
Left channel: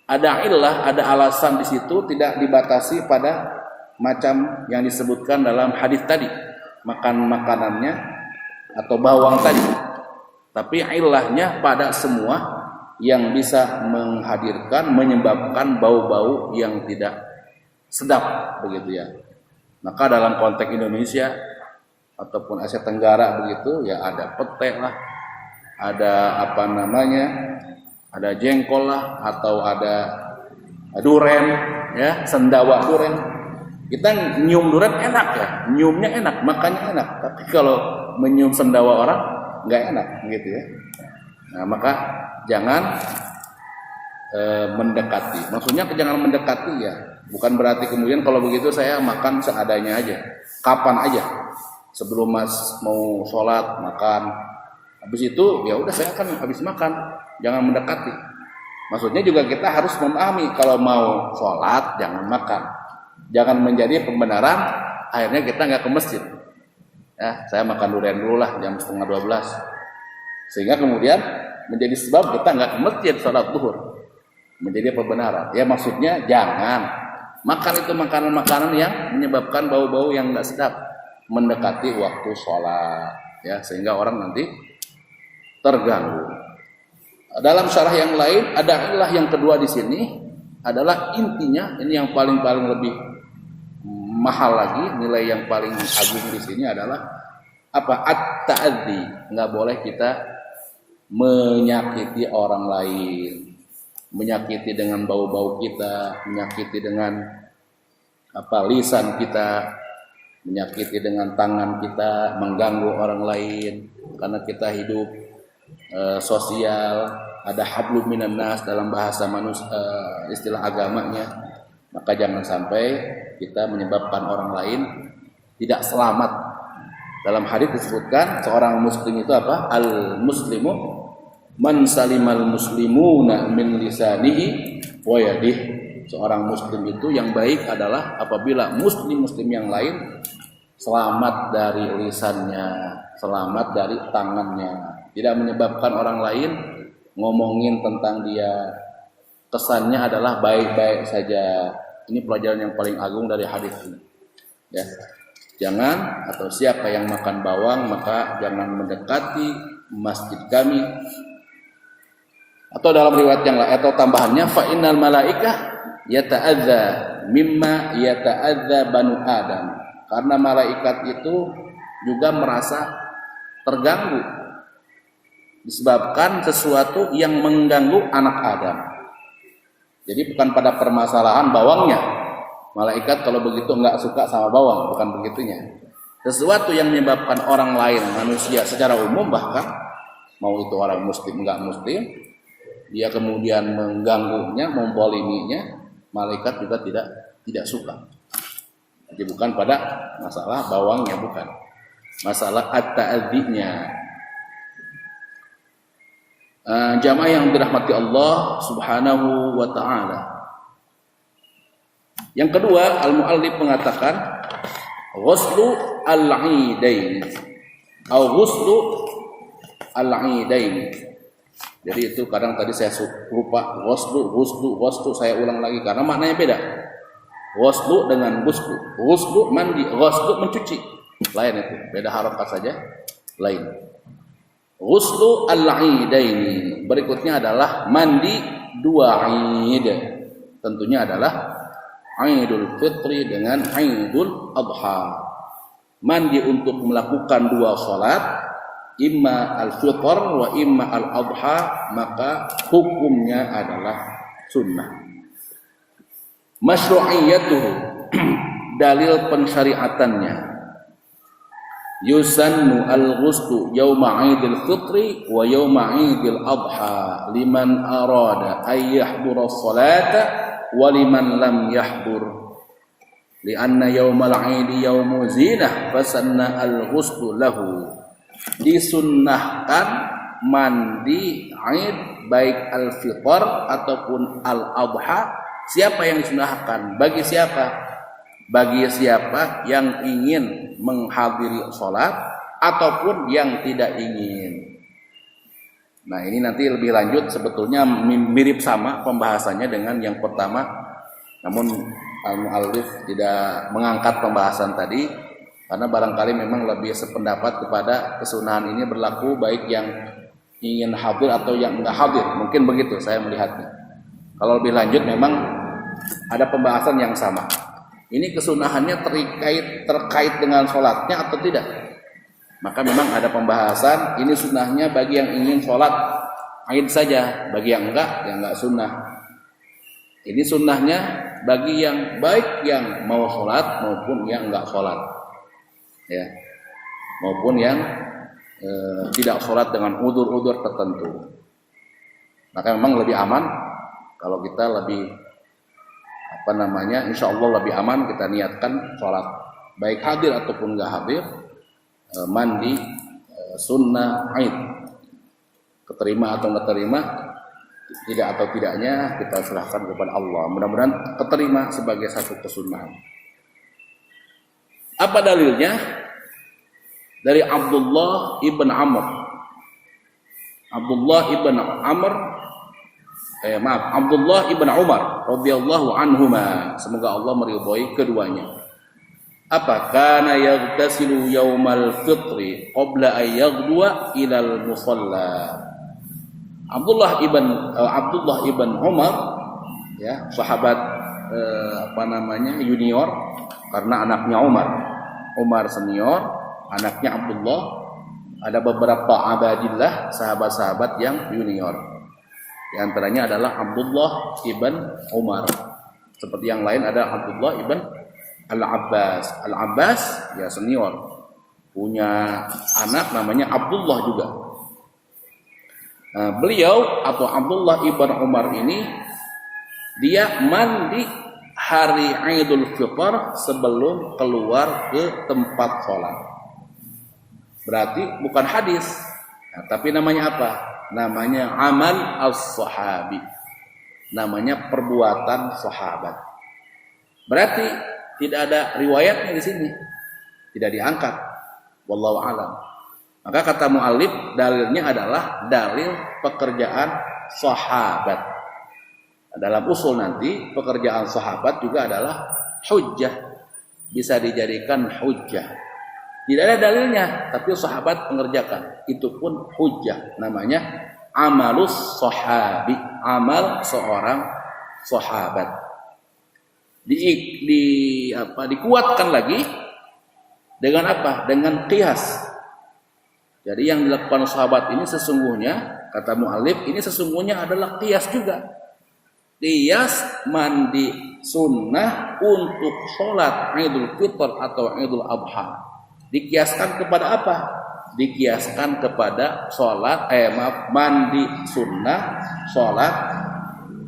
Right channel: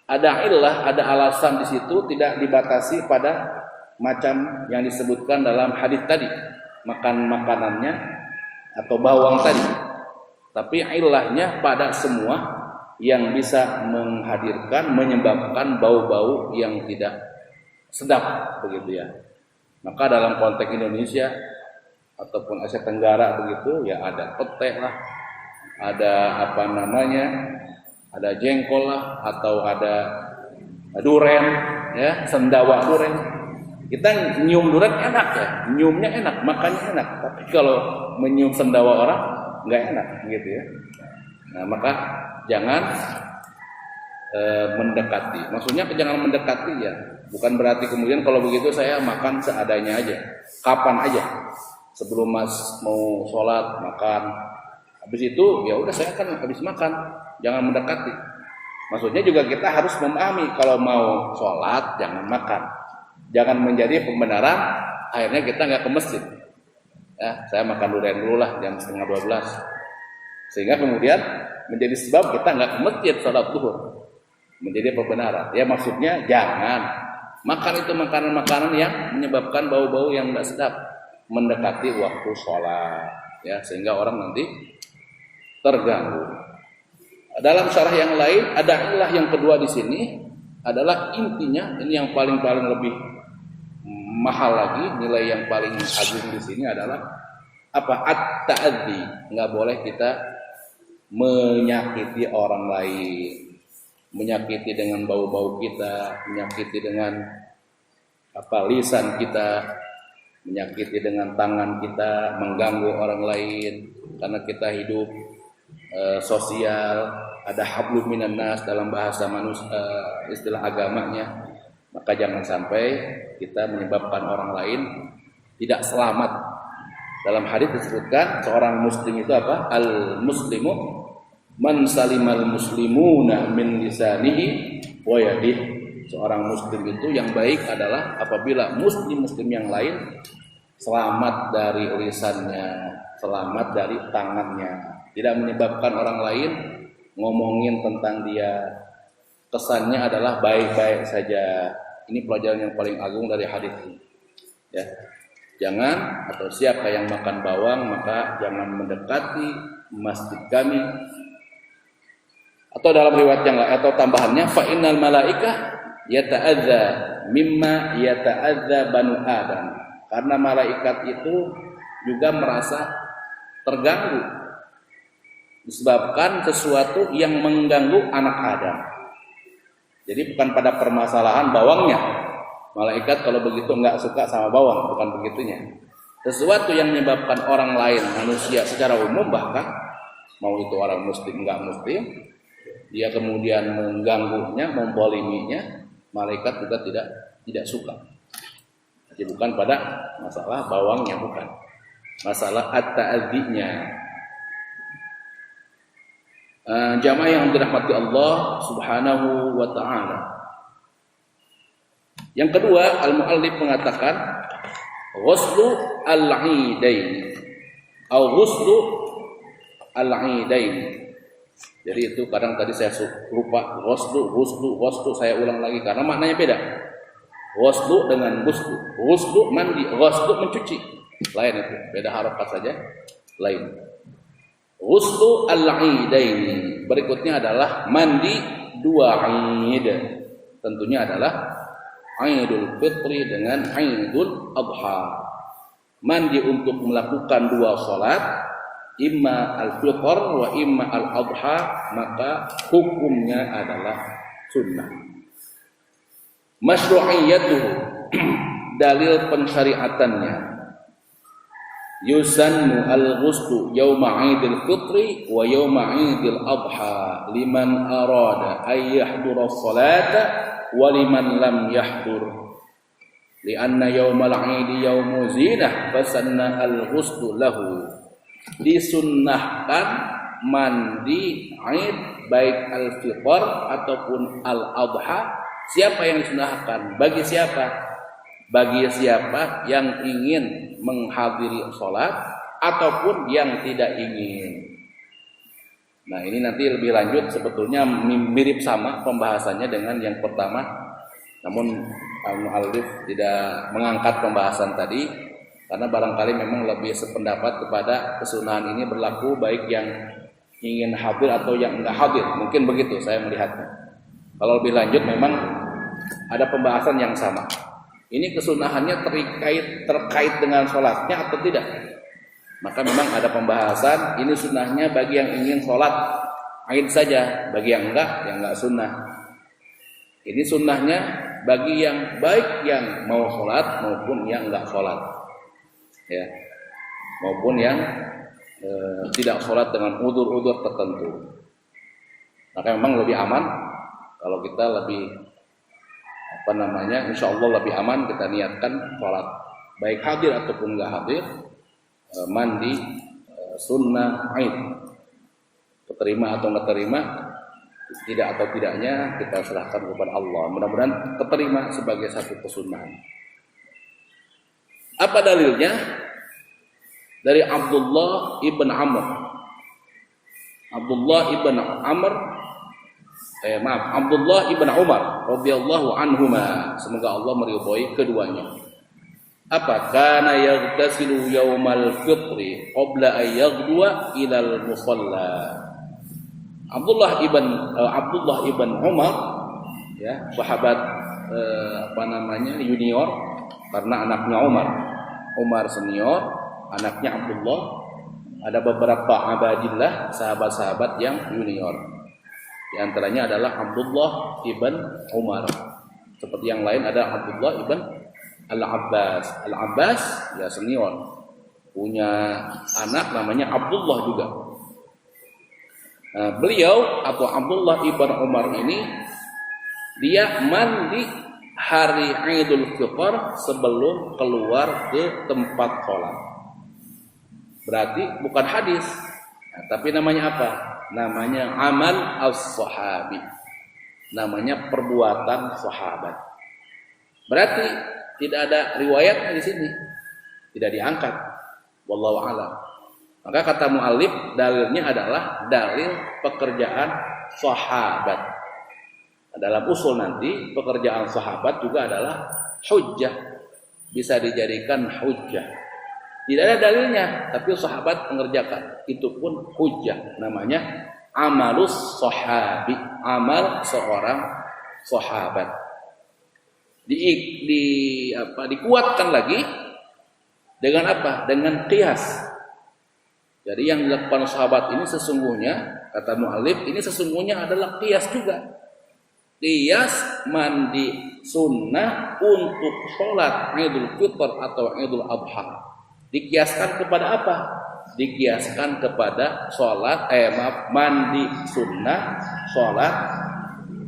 ada illah, ada alasan di situ, tidak dibatasi pada macam yang disebutkan dalam hadis tadi, makan makanannya atau bawang tadi, tapi ilahnya pada semua yang bisa menghadirkan, menyebabkan bau-bau yang tidak sedap begitu ya. Maka dalam konteks Indonesia ataupun Asia Tenggara begitu ya, ada pete lah, ada apa namanya, ada jengkol lah, atau ada duren ya, sendawa duren. Kita nyium duren enak ya, nyiumnya enak, makannya enak. Tapi kalau menyium sendawa orang nggak enak gitu ya. Nah, maka jangan mendekati. Maksudnya jangan mendekati ya, bukan berarti kemudian kalau begitu saya makan seadanya aja, kapan aja, sebelum mas mau sholat makan, habis itu ya udah saya akan habis makan, jangan mendekati. Maksudnya juga kita harus memahami kalau mau sholat jangan makan, jangan menjadi pembenaran akhirnya kita nggak ke masjid. Ya, saya makan durian dulu lah jam 11:30, sehingga kemudian menjadi sebab kita nggak ke masjid sholat zuhur, menjadi pembenaran. Ya maksudnya jangan makan itu makanan-makanan yang menyebabkan bau-bau yang nggak sedap mendekati waktu sholat, ya, sehingga orang nanti terganggu. Dalam syarah yang lain ada ilah yang kedua di sini adalah intinya, ini yang paling lebih mahal lagi, nilai yang paling agung di sini adalah apa? At-ta'adzi. Nggak boleh kita menyakiti orang lain, menyakiti dengan bau-bau kita, menyakiti dengan apa lisan kita, menyakiti dengan tangan kita, mengganggu orang lain, karena kita hidup sosial, ada hablum minan nas dalam bahasa manusia, istilah agamanya. Maka jangan sampai kita menyebabkan orang lain tidak selamat. Dalam hadis disebutkan seorang muslim itu apa? Al-muslimu man salimal muslimuna min lisanihi wa yadihi. Seorang muslim itu yang baik adalah apabila muslim-muslim yang lain selamat dari lisannya, selamat dari tangannya, tidak menyebabkan orang lain ngomongin tentang dia, kesannya adalah baik-baik saja. Ini pelajaran yang paling agung dari hadis ini. Ya, jangan, atau siapa yang makan bawang maka jangan mendekati masjid kami. Atau dalam riwayat yang lain atau tambahannya, fa innal malaikah yata'adza mimma yata'adza banu Adam. Karena malaikat itu juga merasa terganggu disebabkan sesuatu yang mengganggu anak Adam. Jadi bukan pada permasalahan bawangnya, Malaikat kalau begitu enggak suka sama bawang, bukan begitunya. Sesuatu yang menyebabkan orang lain, manusia secara umum bahkan mau itu orang muslim enggak muslim, dia kemudian mengganggunya, memboliminya, malaikat juga tidak suka. Jadi bukan pada masalah bawangnya, bukan. Masalah at-ta'addinya. Jamaah yang dirahmati Allah Subhanahu wa ta'ala. Yang kedua, al-muallif mengatakan ghuslu al-'idain atau ghuslu al-'idain. Jadi itu kadang tadi saya lupa ghuslu saya ulang lagi karena maknanya beda. Ghuslu dengan ghuslu. Ghuslu mandi, ghuslu mencuci. Lain itu, beda harokat saja, lain. Ghuslu al-'idain. Berikutnya adalah mandi dua Id. Tentunya adalah Idul Fitri dengan Idul Adha. Mandi untuk melakukan dua salat, imma al-fitr wa imma al-adha, maka hukumnya adalah sunnah. Masyru'iyyatuhu, dalil pensyariatannya. Yusannu al-ghuslu yawma Idul Fitri wa yawma Idul Adha liman arada ay yahdura as-salata wa liman lam yahdur. Lianna yawmal 'idi yawmu zinah fasanna al-ghuslu lahu. Disunnahkan mandi Id baik al-fitr ataupun al-adha. Siapa yang disunnahkan? Bagi siapa? Bagi siapa yang ingin menghadiri sholat ataupun yang tidak ingin. Nah, ini nanti lebih lanjut, sebetulnya mirip sama pembahasannya dengan yang pertama, namun al-muallif tidak mengangkat pembahasan tadi karena barangkali memang lebih sependapat kepada kesunahan ini berlaku baik yang ingin hadir atau yang enggak hadir. Mungkin begitu saya melihatnya. Kalau lebih lanjut memang ada pembahasan yang sama. Ini kesunahannya terkait dengan sholatnya atau tidak? Maka memang ada pembahasan. Ini sunnahnya bagi yang ingin sholat Id saja, bagi yang enggak sunnah. Ini sunnahnya bagi yang baik yang mau sholat maupun yang enggak sholat, ya, maupun yang tidak sholat dengan udzur-udzur tertentu. Maka memang lebih aman kalau kita lebih insya Allah lebih aman kita niatkan sholat baik hadir ataupun enggak hadir, mandi sunnah Id, keterima atau enggak terima, tidak atau tidaknya kita serahkan kepada Allah. Mudah-mudahan keterima sebagai satu kesunahan. Apa dalilnya? Dari Abdullah ibn Amr. Abdullah ibn Umar radhiyallahu anhuma, semoga Allah meridhai keduanya. Apa? Kana yaghtasilu yaumal fitri qabla an yaghduwa ila al-musalla. Abdullah ibn Umar, ya, sahabat junior karena anaknya Umar senior, anaknya Abdullah. Ada beberapa abadillah sahabat-sahabat yang junior. Di antaranya adalah Abdullah ibn Umar. Seperti yang lain ada Abdullah ibn Al-Abbas. Al-Abbas ya senior, punya anak namanya Abdullah juga. Beliau atau Abdullah ibn Umar ini dia mandi hari Idul Fitr sebelum keluar ke tempat sholat. Berarti bukan hadis, tapi namanya apa? Namanya amal as-sahabi, namanya perbuatan sahabat. Berarti tidak ada riwayatnya di sini, tidak diangkat. Wallahu a'lam. Maka kata mu'allif, dalilnya adalah dalil pekerjaan sahabat. Dalam usul nanti pekerjaan sahabat juga adalah hujjah, bisa dijadikan hujjah. Tidak ada dalilnya, tapi sahabat mengerjakan, itu pun hujjah. Namanya amalus sahabi, amal seorang sahabat. Dikuatkan lagi dengan apa? Dengan qiyas. Jadi yang dilakukan sahabat ini sesungguhnya, kata mu'allif, ini sesungguhnya adalah qiyas juga. Qiyas mandi sunnah untuk sholat Idul Fitr atau Idul Adha. Dikiaskan kepada apa? Dikiaskan kepada sholat mandi sunnah sholat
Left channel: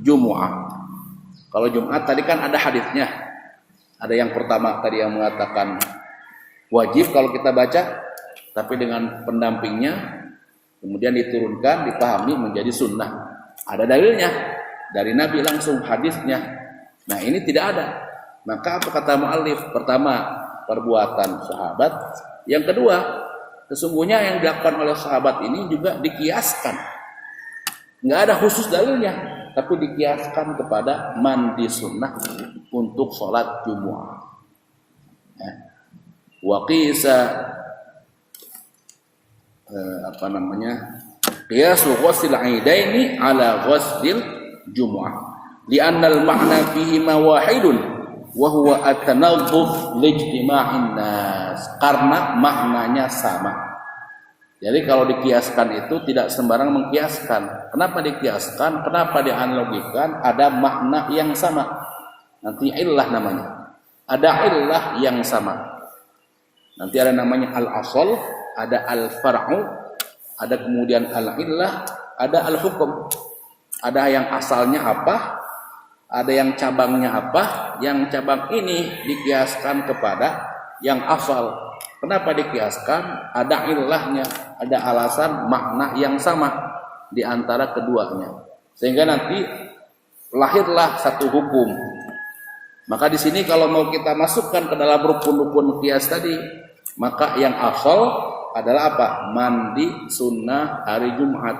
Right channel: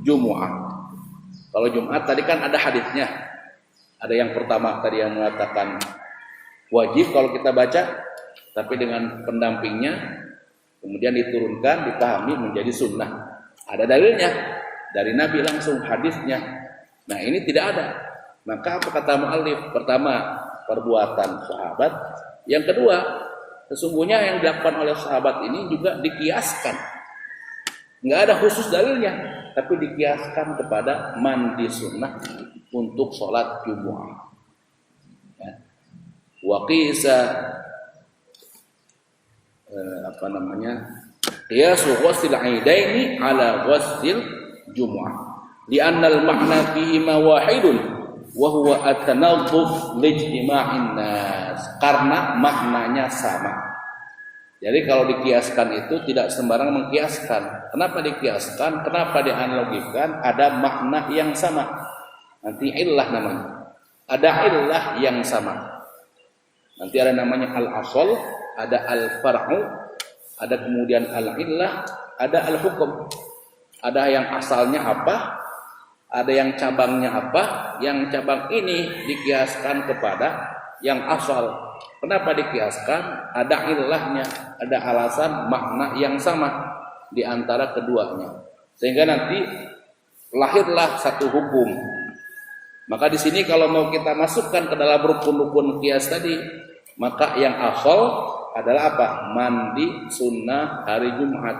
Jumu'ah. Kalau Jumat tadi kan ada hadisnya. Ada yang pertama tadi yang mengatakan wajib kalau kita baca, tapi dengan pendampingnya kemudian diturunkan, dipahami menjadi sunnah. Ada dalilnya dari Nabi langsung hadisnya. Nah ini tidak ada. Maka apa kata mu'allif? Pertama, perbuatan sahabat. Yang kedua, sesungguhnya yang dilakukan oleh sahabat ini juga dikiaskan. Nggak ada khusus dalilnya, tapi dikiaskan kepada mandi sunnah untuk sholat Jumu'ah. Waqisa qiyasu ghusl 'aidaini ala ghusl Jumu'ah. Li'anna al-ma'na fihi ma wahidun wa huwa at-tanadhdhuf lijtima'in nas. Karena maknanya sama. Jadi kalau dikiaskan itu tidak sembarang mengkiaskan. Kenapa dikiaskan? Kenapa dianalogikan? Ada makna yang sama. Nanti illah namanya. Ada illah yang sama. Nanti ada namanya al-asal, ada al-far'u, ada kemudian al-illah, ada al-hukum. Ada yang asalnya apa? Ada yang cabangnya apa? Yang cabang ini dikiaskan kepada yang asal. Kenapa dikiaskan? Ada ilahnya, ada alasan makna yang sama di antara keduanya. Sehingga nanti lahirlah satu hukum. Maka di sini kalau mau kita masukkan ke dalam rukun-rukun qiyas tadi, maka yang asal adalah apa? Mandi sunnah hari Jumat.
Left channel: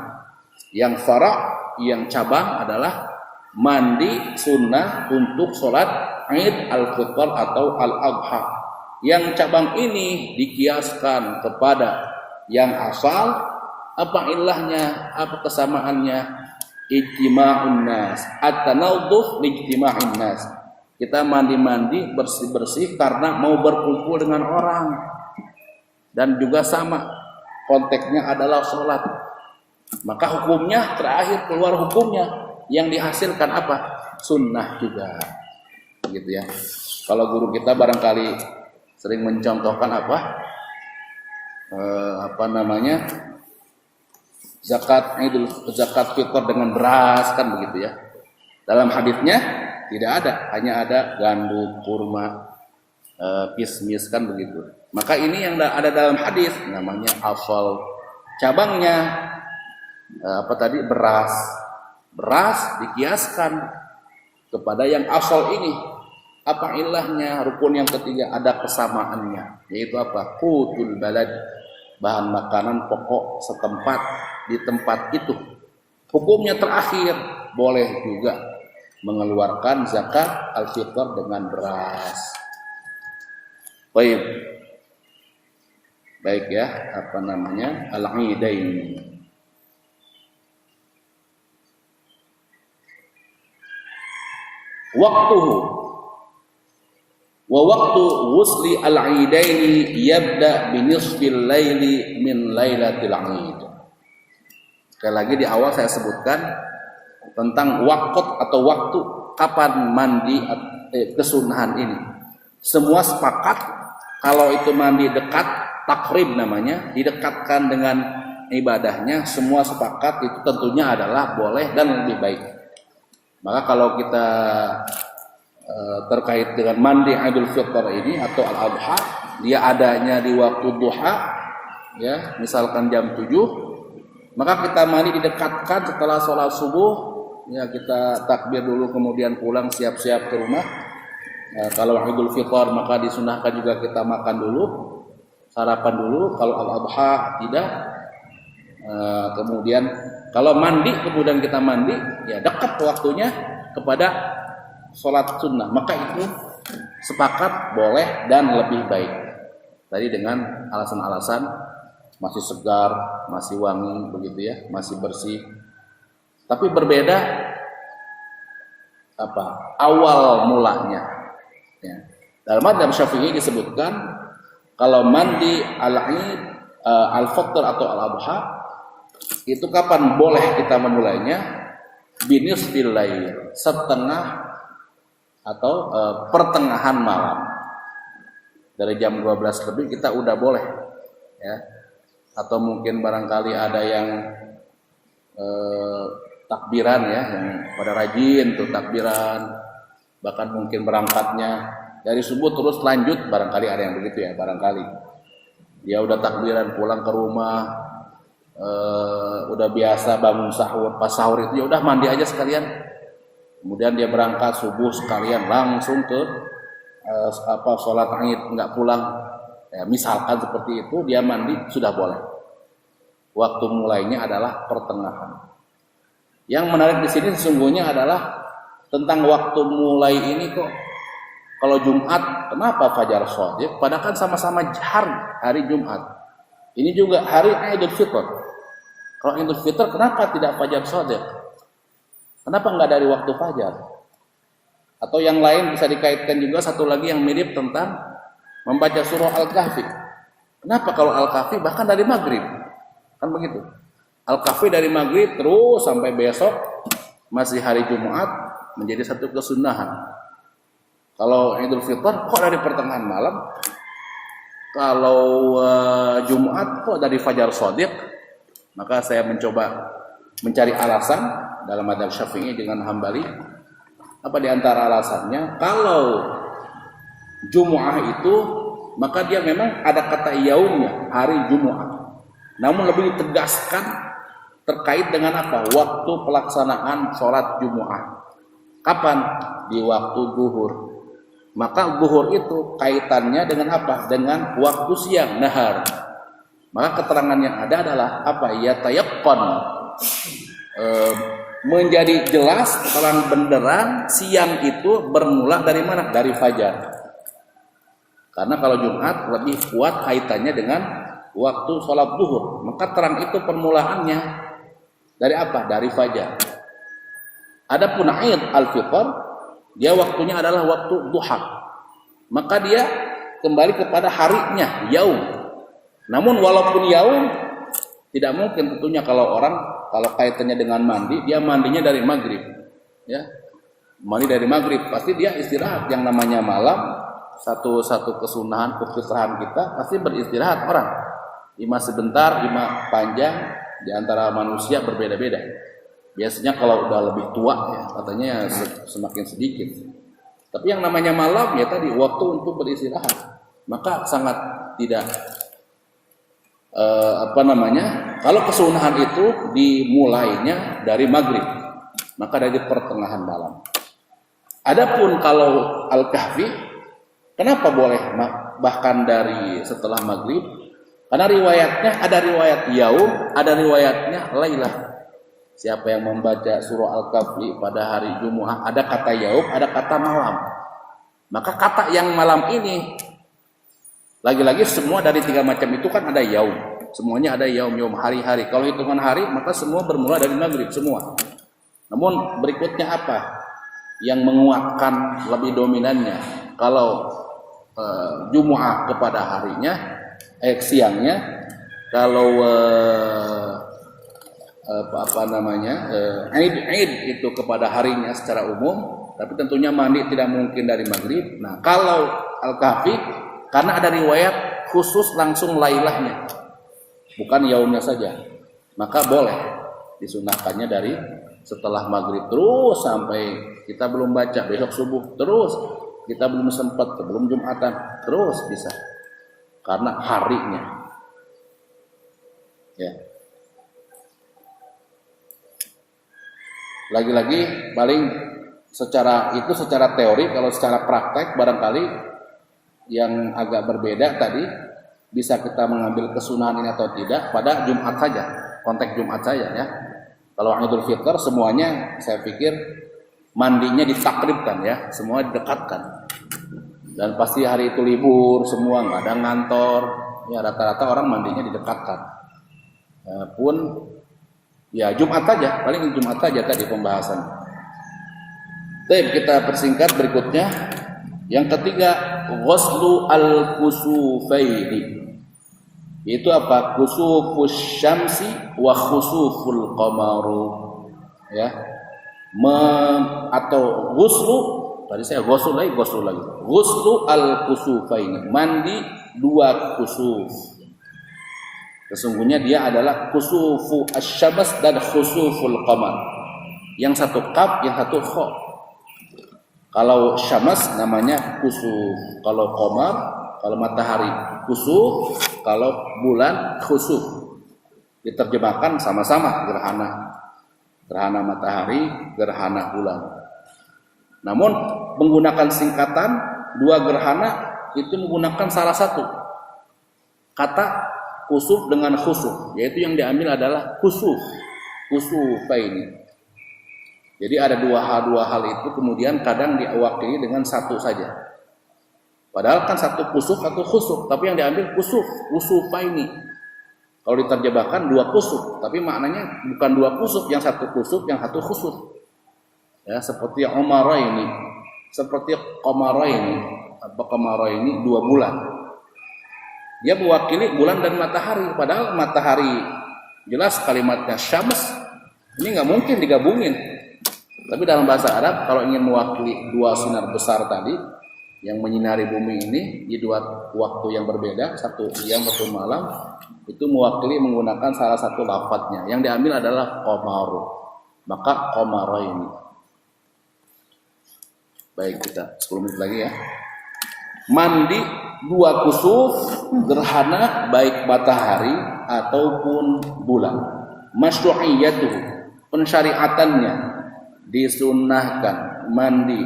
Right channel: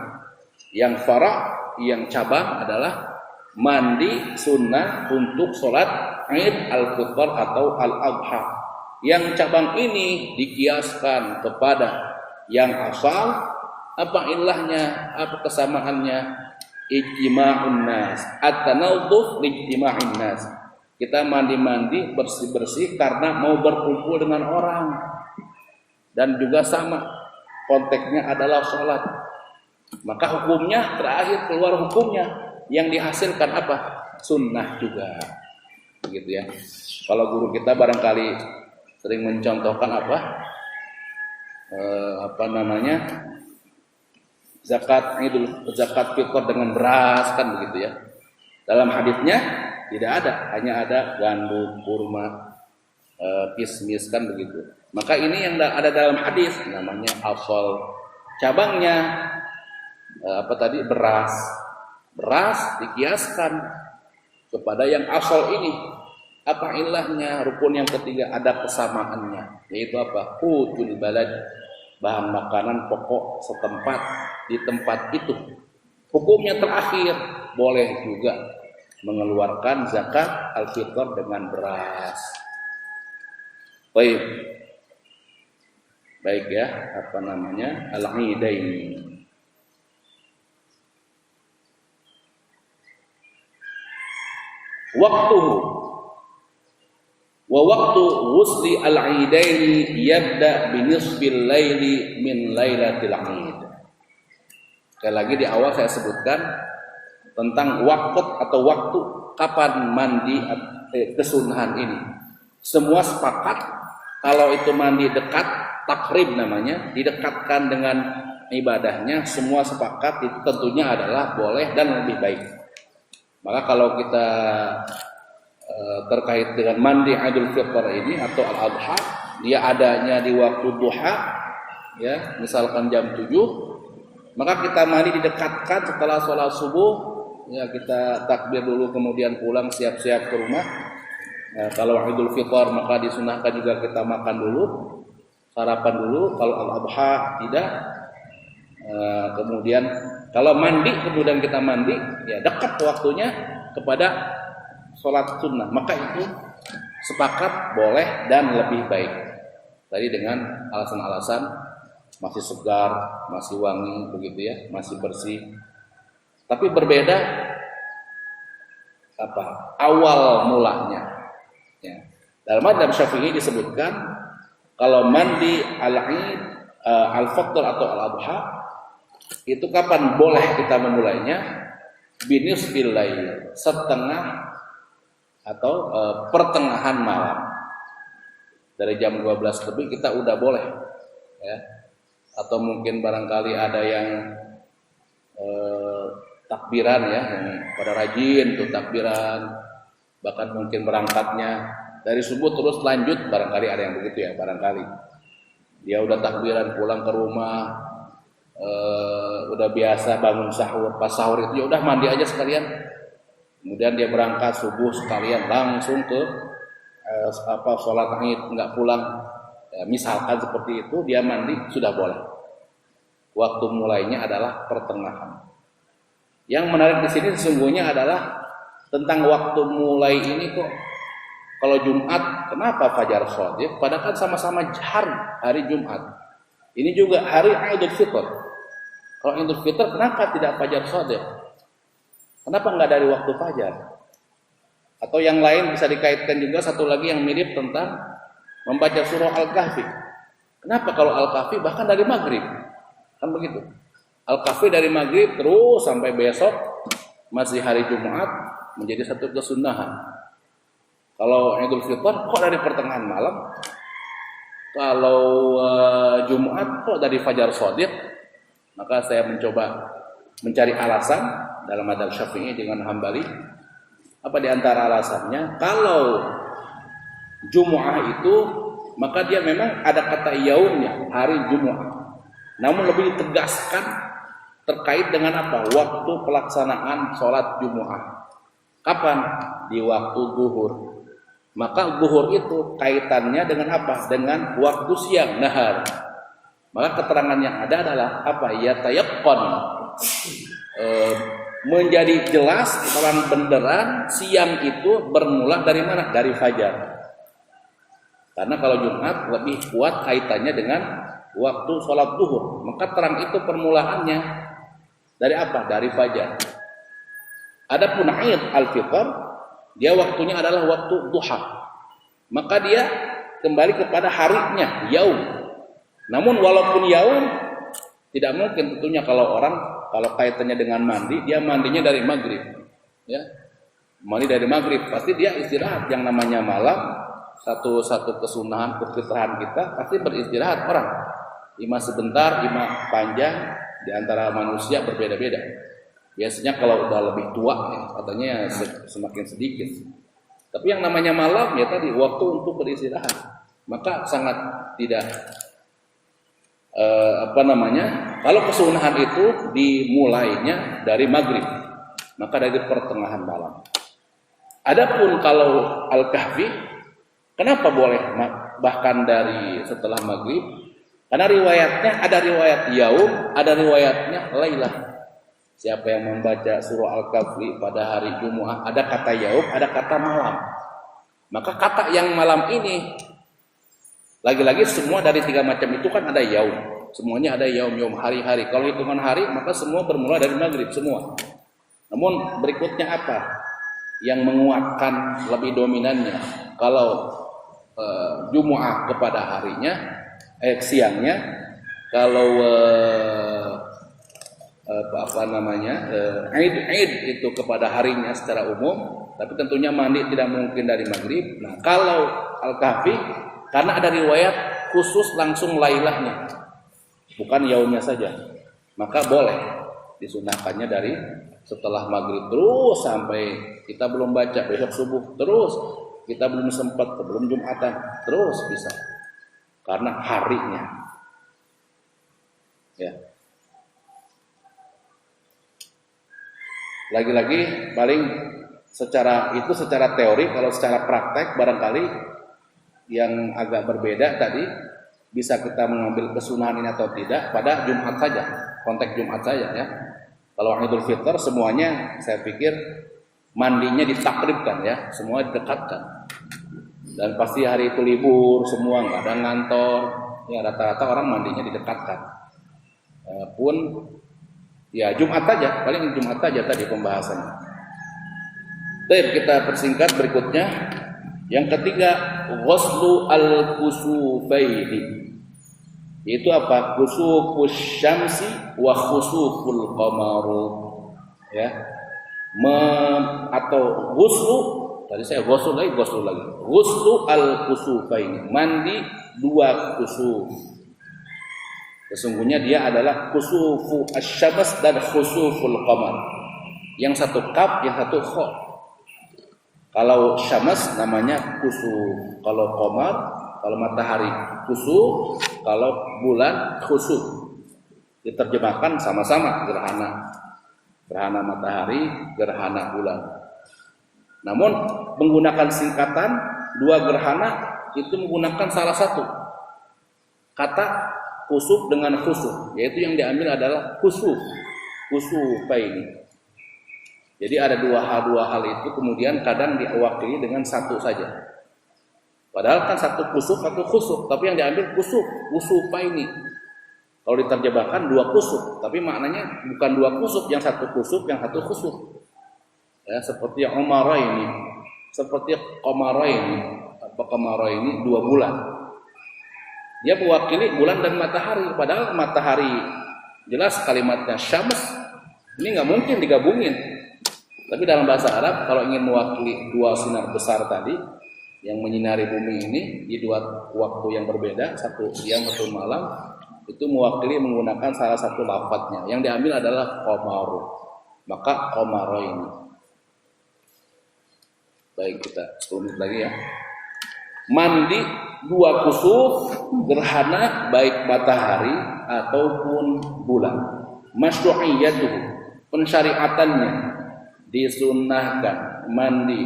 Yang fara', yang cabang adalah mandi sunnah untuk sholat Id al-Fitr atau al-Adha. Yang cabang ini dikiaskan kepada yang asal. Apa ilahnya? Apa kesamaannya? Ijtima'un nas, at-tanawduh lijtima'in nas. Kita mandi-mandi, bersih-bersih karena mau berkumpul dengan orang. Dan juga sama, konteksnya adalah sholat. Maka hukumnya, terakhir keluar hukumnya, yang dihasilkan apa? Sunnah juga. Gitu ya. Kalau guru kita barangkali sering mencontohkan zakat fitr dengan beras kan begitu ya. Dalam hadisnya tidak ada, hanya ada gandum, kurma, kismis kan begitu. Maka ini yang ada dalam hadis namanya asal. Cabangnya beras. Beras dikiaskan kepada yang asal ini. Apa ilahnya? Rukun yang ketiga ada kesamaannya, yaitu apa? Qutul balad, bahan makanan pokok setempat di tempat itu. Hukumnya terakhir boleh juga mengeluarkan zakat al-fitr dengan beras. Baik ya, al-Aidain. Waktuhu wa waktu ghusli al-Aidaini yabda bi nisfil laili min lailatil Aid. Sekali lagi di awal saya sebutkan tentang waktu kapan mandi kesunahan ini. Semua sepakat kalau itu mandi dekat, takrib namanya, didekatkan dengan ibadahnya, semua sepakat itu tentunya adalah boleh dan lebih baik. Maka kalau kita terkait dengan mandi Idul Fitr ini atau Al-Adha, dia adanya di waktu duha ya, misalkan jam 7, maka kita mandi didekatkan setelah sholat subuh ya, kita takbir dulu kemudian pulang siap-siap ke rumah. Kalau Idul Fitr maka disunahkan juga kita makan dulu, sarapan dulu. Kalau Al-Adha tidak. Kemudian kalau mandi kemudian kita mandi ya dekat waktunya kepada sholat sunnah, maka itu sepakat boleh dan lebih baik. Tadi dengan alasan-alasan masih segar, masih wangi begitu ya, masih bersih. Tapi berbeda awal mulanya. Ya. Dalam mazhab Syafi'i disebutkan kalau mandi al-Id, al-Fitr atau al-Adha itu kapan boleh kita memulainya? Binisfil lail, setengah atau pertengahan malam. Dari jam 12 lebih kita udah boleh, ya. Atau mungkin barangkali ada yang takbiran, ya, yang pada rajin tuh takbiran, bahkan mungkin berangkatnya dari subuh terus lanjut, barangkali ada yang begitu, ya, barangkali dia udah takbiran pulang ke rumah, udah biasa bangun sahur, pas sahur itu ya udah mandi aja sekalian, kemudian dia berangkat subuh sekalian langsung ke sholat Id, nggak pulang, ya, misalkan seperti itu, dia mandi sudah boleh. Waktu mulainya adalah pertengahan. Yang menarik di sini sesungguhnya adalah tentang waktu mulai ini kok. Kalau Jumat, kenapa fajar shadiq? Padahal kan sama-sama hari Jumat. Ini juga hari Idul Fitr. Kalau Idul Fitr, kenapa tidak fajar shadiq? Kenapa nggak dari waktu fajar? Atau yang lain bisa dikaitkan juga satu lagi yang mirip tentang membaca surah Al-Kahfi. Kenapa kalau Al-Kahfi bahkan dari maghrib? Kan begitu. Al-Kahfi dari maghrib terus sampai besok masih hari Jumat, menjadi satu kesunahan. Kalau Idul Fitr kok dari pertengahan malam? Kalau Jumat kok dari fajar shadiq? Maka saya mencoba mencari alasan dalam madzhab Syafi'i dengan Hambali. Apa di antara alasannya? Kalau Jumu'ah itu maka dia memang ada kata yaumnya, hari Jumu'ah. Namun lebih ditegaskan terkait dengan apa? Waktu pelaksanaan sholat Jumu'ah. Kapan? Di waktu zuhur. Maka zuhur itu kaitannya dengan apa? Dengan waktu siang, nahar. Maka keterangan yang ada adalah apa? Yatayaqqan. Menjadi jelas, terang benderang, siang itu bermula dari mana? Dari fajar. Karena kalau Jumat lebih kuat kaitannya dengan waktu sholat zuhur. Maka terang itu permulaannya dari apa? Dari fajar. Adapun Id al-Fitr, dia waktunya adalah waktu duha. Maka dia kembali kepada harinya, yaum. Namun walaupun yaum, tidak mungkin tentunya kalau kaitannya dengan mandi, dia mandinya dari maghrib, ya. Mandi dari maghrib, pasti dia istirahat. Yang namanya malam, satu kesunahan, kefitrahan kita pasti beristirahat orang. Ima sebentar, ima panjang. Di antara manusia berbeda-beda. Biasanya kalau udah lebih tua, ya, katanya semakin sedikit. Tapi yang namanya malam ya tadi waktu untuk beristirahat. Maka sangat tidak kalau kesunahan itu dimulainya dari maghrib, maka dari pertengahan malam. Adapun kalau Al-Kahfi, kenapa boleh bahkan dari setelah maghrib? Karena riwayatnya ada riwayat yaum, ada riwayatnya lailah. Siapa yang membaca surah Al-Kahfi pada hari Jumu'ah, ada kata yaum, ada kata malam. Maka kata yang malam ini, lagi-lagi semua dari 3 macam itu kan ada yaum. Semuanya ada yaum hari-hari. Kalau hitungan hari, maka semua bermula dari maghrib semua. Namun berikutnya apa? Yang menguatkan lebih dominannya. Kalau Jumu'ah kepada harinya, siangnya, kalau Id itu kepada harinya secara umum, tapi tentunya mandi tidak mungkin dari maghrib. Nah, kalau Al-Kahfi karena ada riwayat khusus langsung lailahnya, bukan yaumnya saja, maka boleh disunahkannya dari setelah maghrib terus sampai kita belum baca besok subuh, terus kita belum sempat belum Jumatan, terus bisa. Karena harinya, ya. Lagi-lagi paling secara teori, kalau secara praktek barangkali yang agak berbeda tadi bisa kita mengambil kesunahan ini atau tidak pada Jumat saja, konteks Jumat saja, ya. Kalau Idul Fitr semuanya saya pikir mandinya ditakribkan, ya, semua didekatkan. Dan pasti hari itu libur, semua nggak ada ngantor, ya rata-rata orang mandinya didekatkan. Pun ya Jumat saja, paling Jumat saja tadi pembahasannya. Baik, kita persingkat berikutnya. Yang ketiga, ghuslu al-kusufaini. Itu apa? Kusufus syamsi wa khusuful qamaru. Ya. Atau ghuslu Tadi saya ghusl lagi. Ghuslu al-kusufaini, mandi dua kusuf. Sesungguhnya dia adalah kusufu asy-syams dan khusuful qamar. Yang satu kaf, yang satu kha. Kalau syams namanya kusuf, kalau qamar, kalau matahari kusuf, kalau bulan khusuf. Diterjemahkan sama-sama gerhana. Gerhana matahari, gerhana bulan. Namun menggunakan singkatan dua gerhana itu menggunakan salah satu kata kusuf dengan khusuf, yaitu yang diambil adalah kusufaini. Jadi ada dua hal itu kemudian kadang diwakili dengan satu saja. Padahal kan satu kusuf, satu khusuf, tapi yang diambil kusufaini. Kalau diterjemahkan dua kusuf, tapi maknanya bukan dua kusuf, yang satu kusuf, yang satu khusuf. Ya, seperti umaraini, seperti qamaraini, dua bulan. Dia mewakili bulan dan matahari, padahal matahari jelas kalimatnya syams, ini nggak mungkin digabungin. Tapi dalam bahasa Arab kalau ingin mewakili dua sinar besar tadi yang menyinari bumi ini di dua waktu yang berbeda, satu siang satu malam, itu mewakili menggunakan salah satu lafadznya. Yang diambil adalah qamaru, maka qamaraini. Baik, kita 10 menit lagi ya. Mandi dua kusuf gerhana baik matahari ataupun bulan. Masyru'iyyatuh, pensyariatannya disunnahkan mandi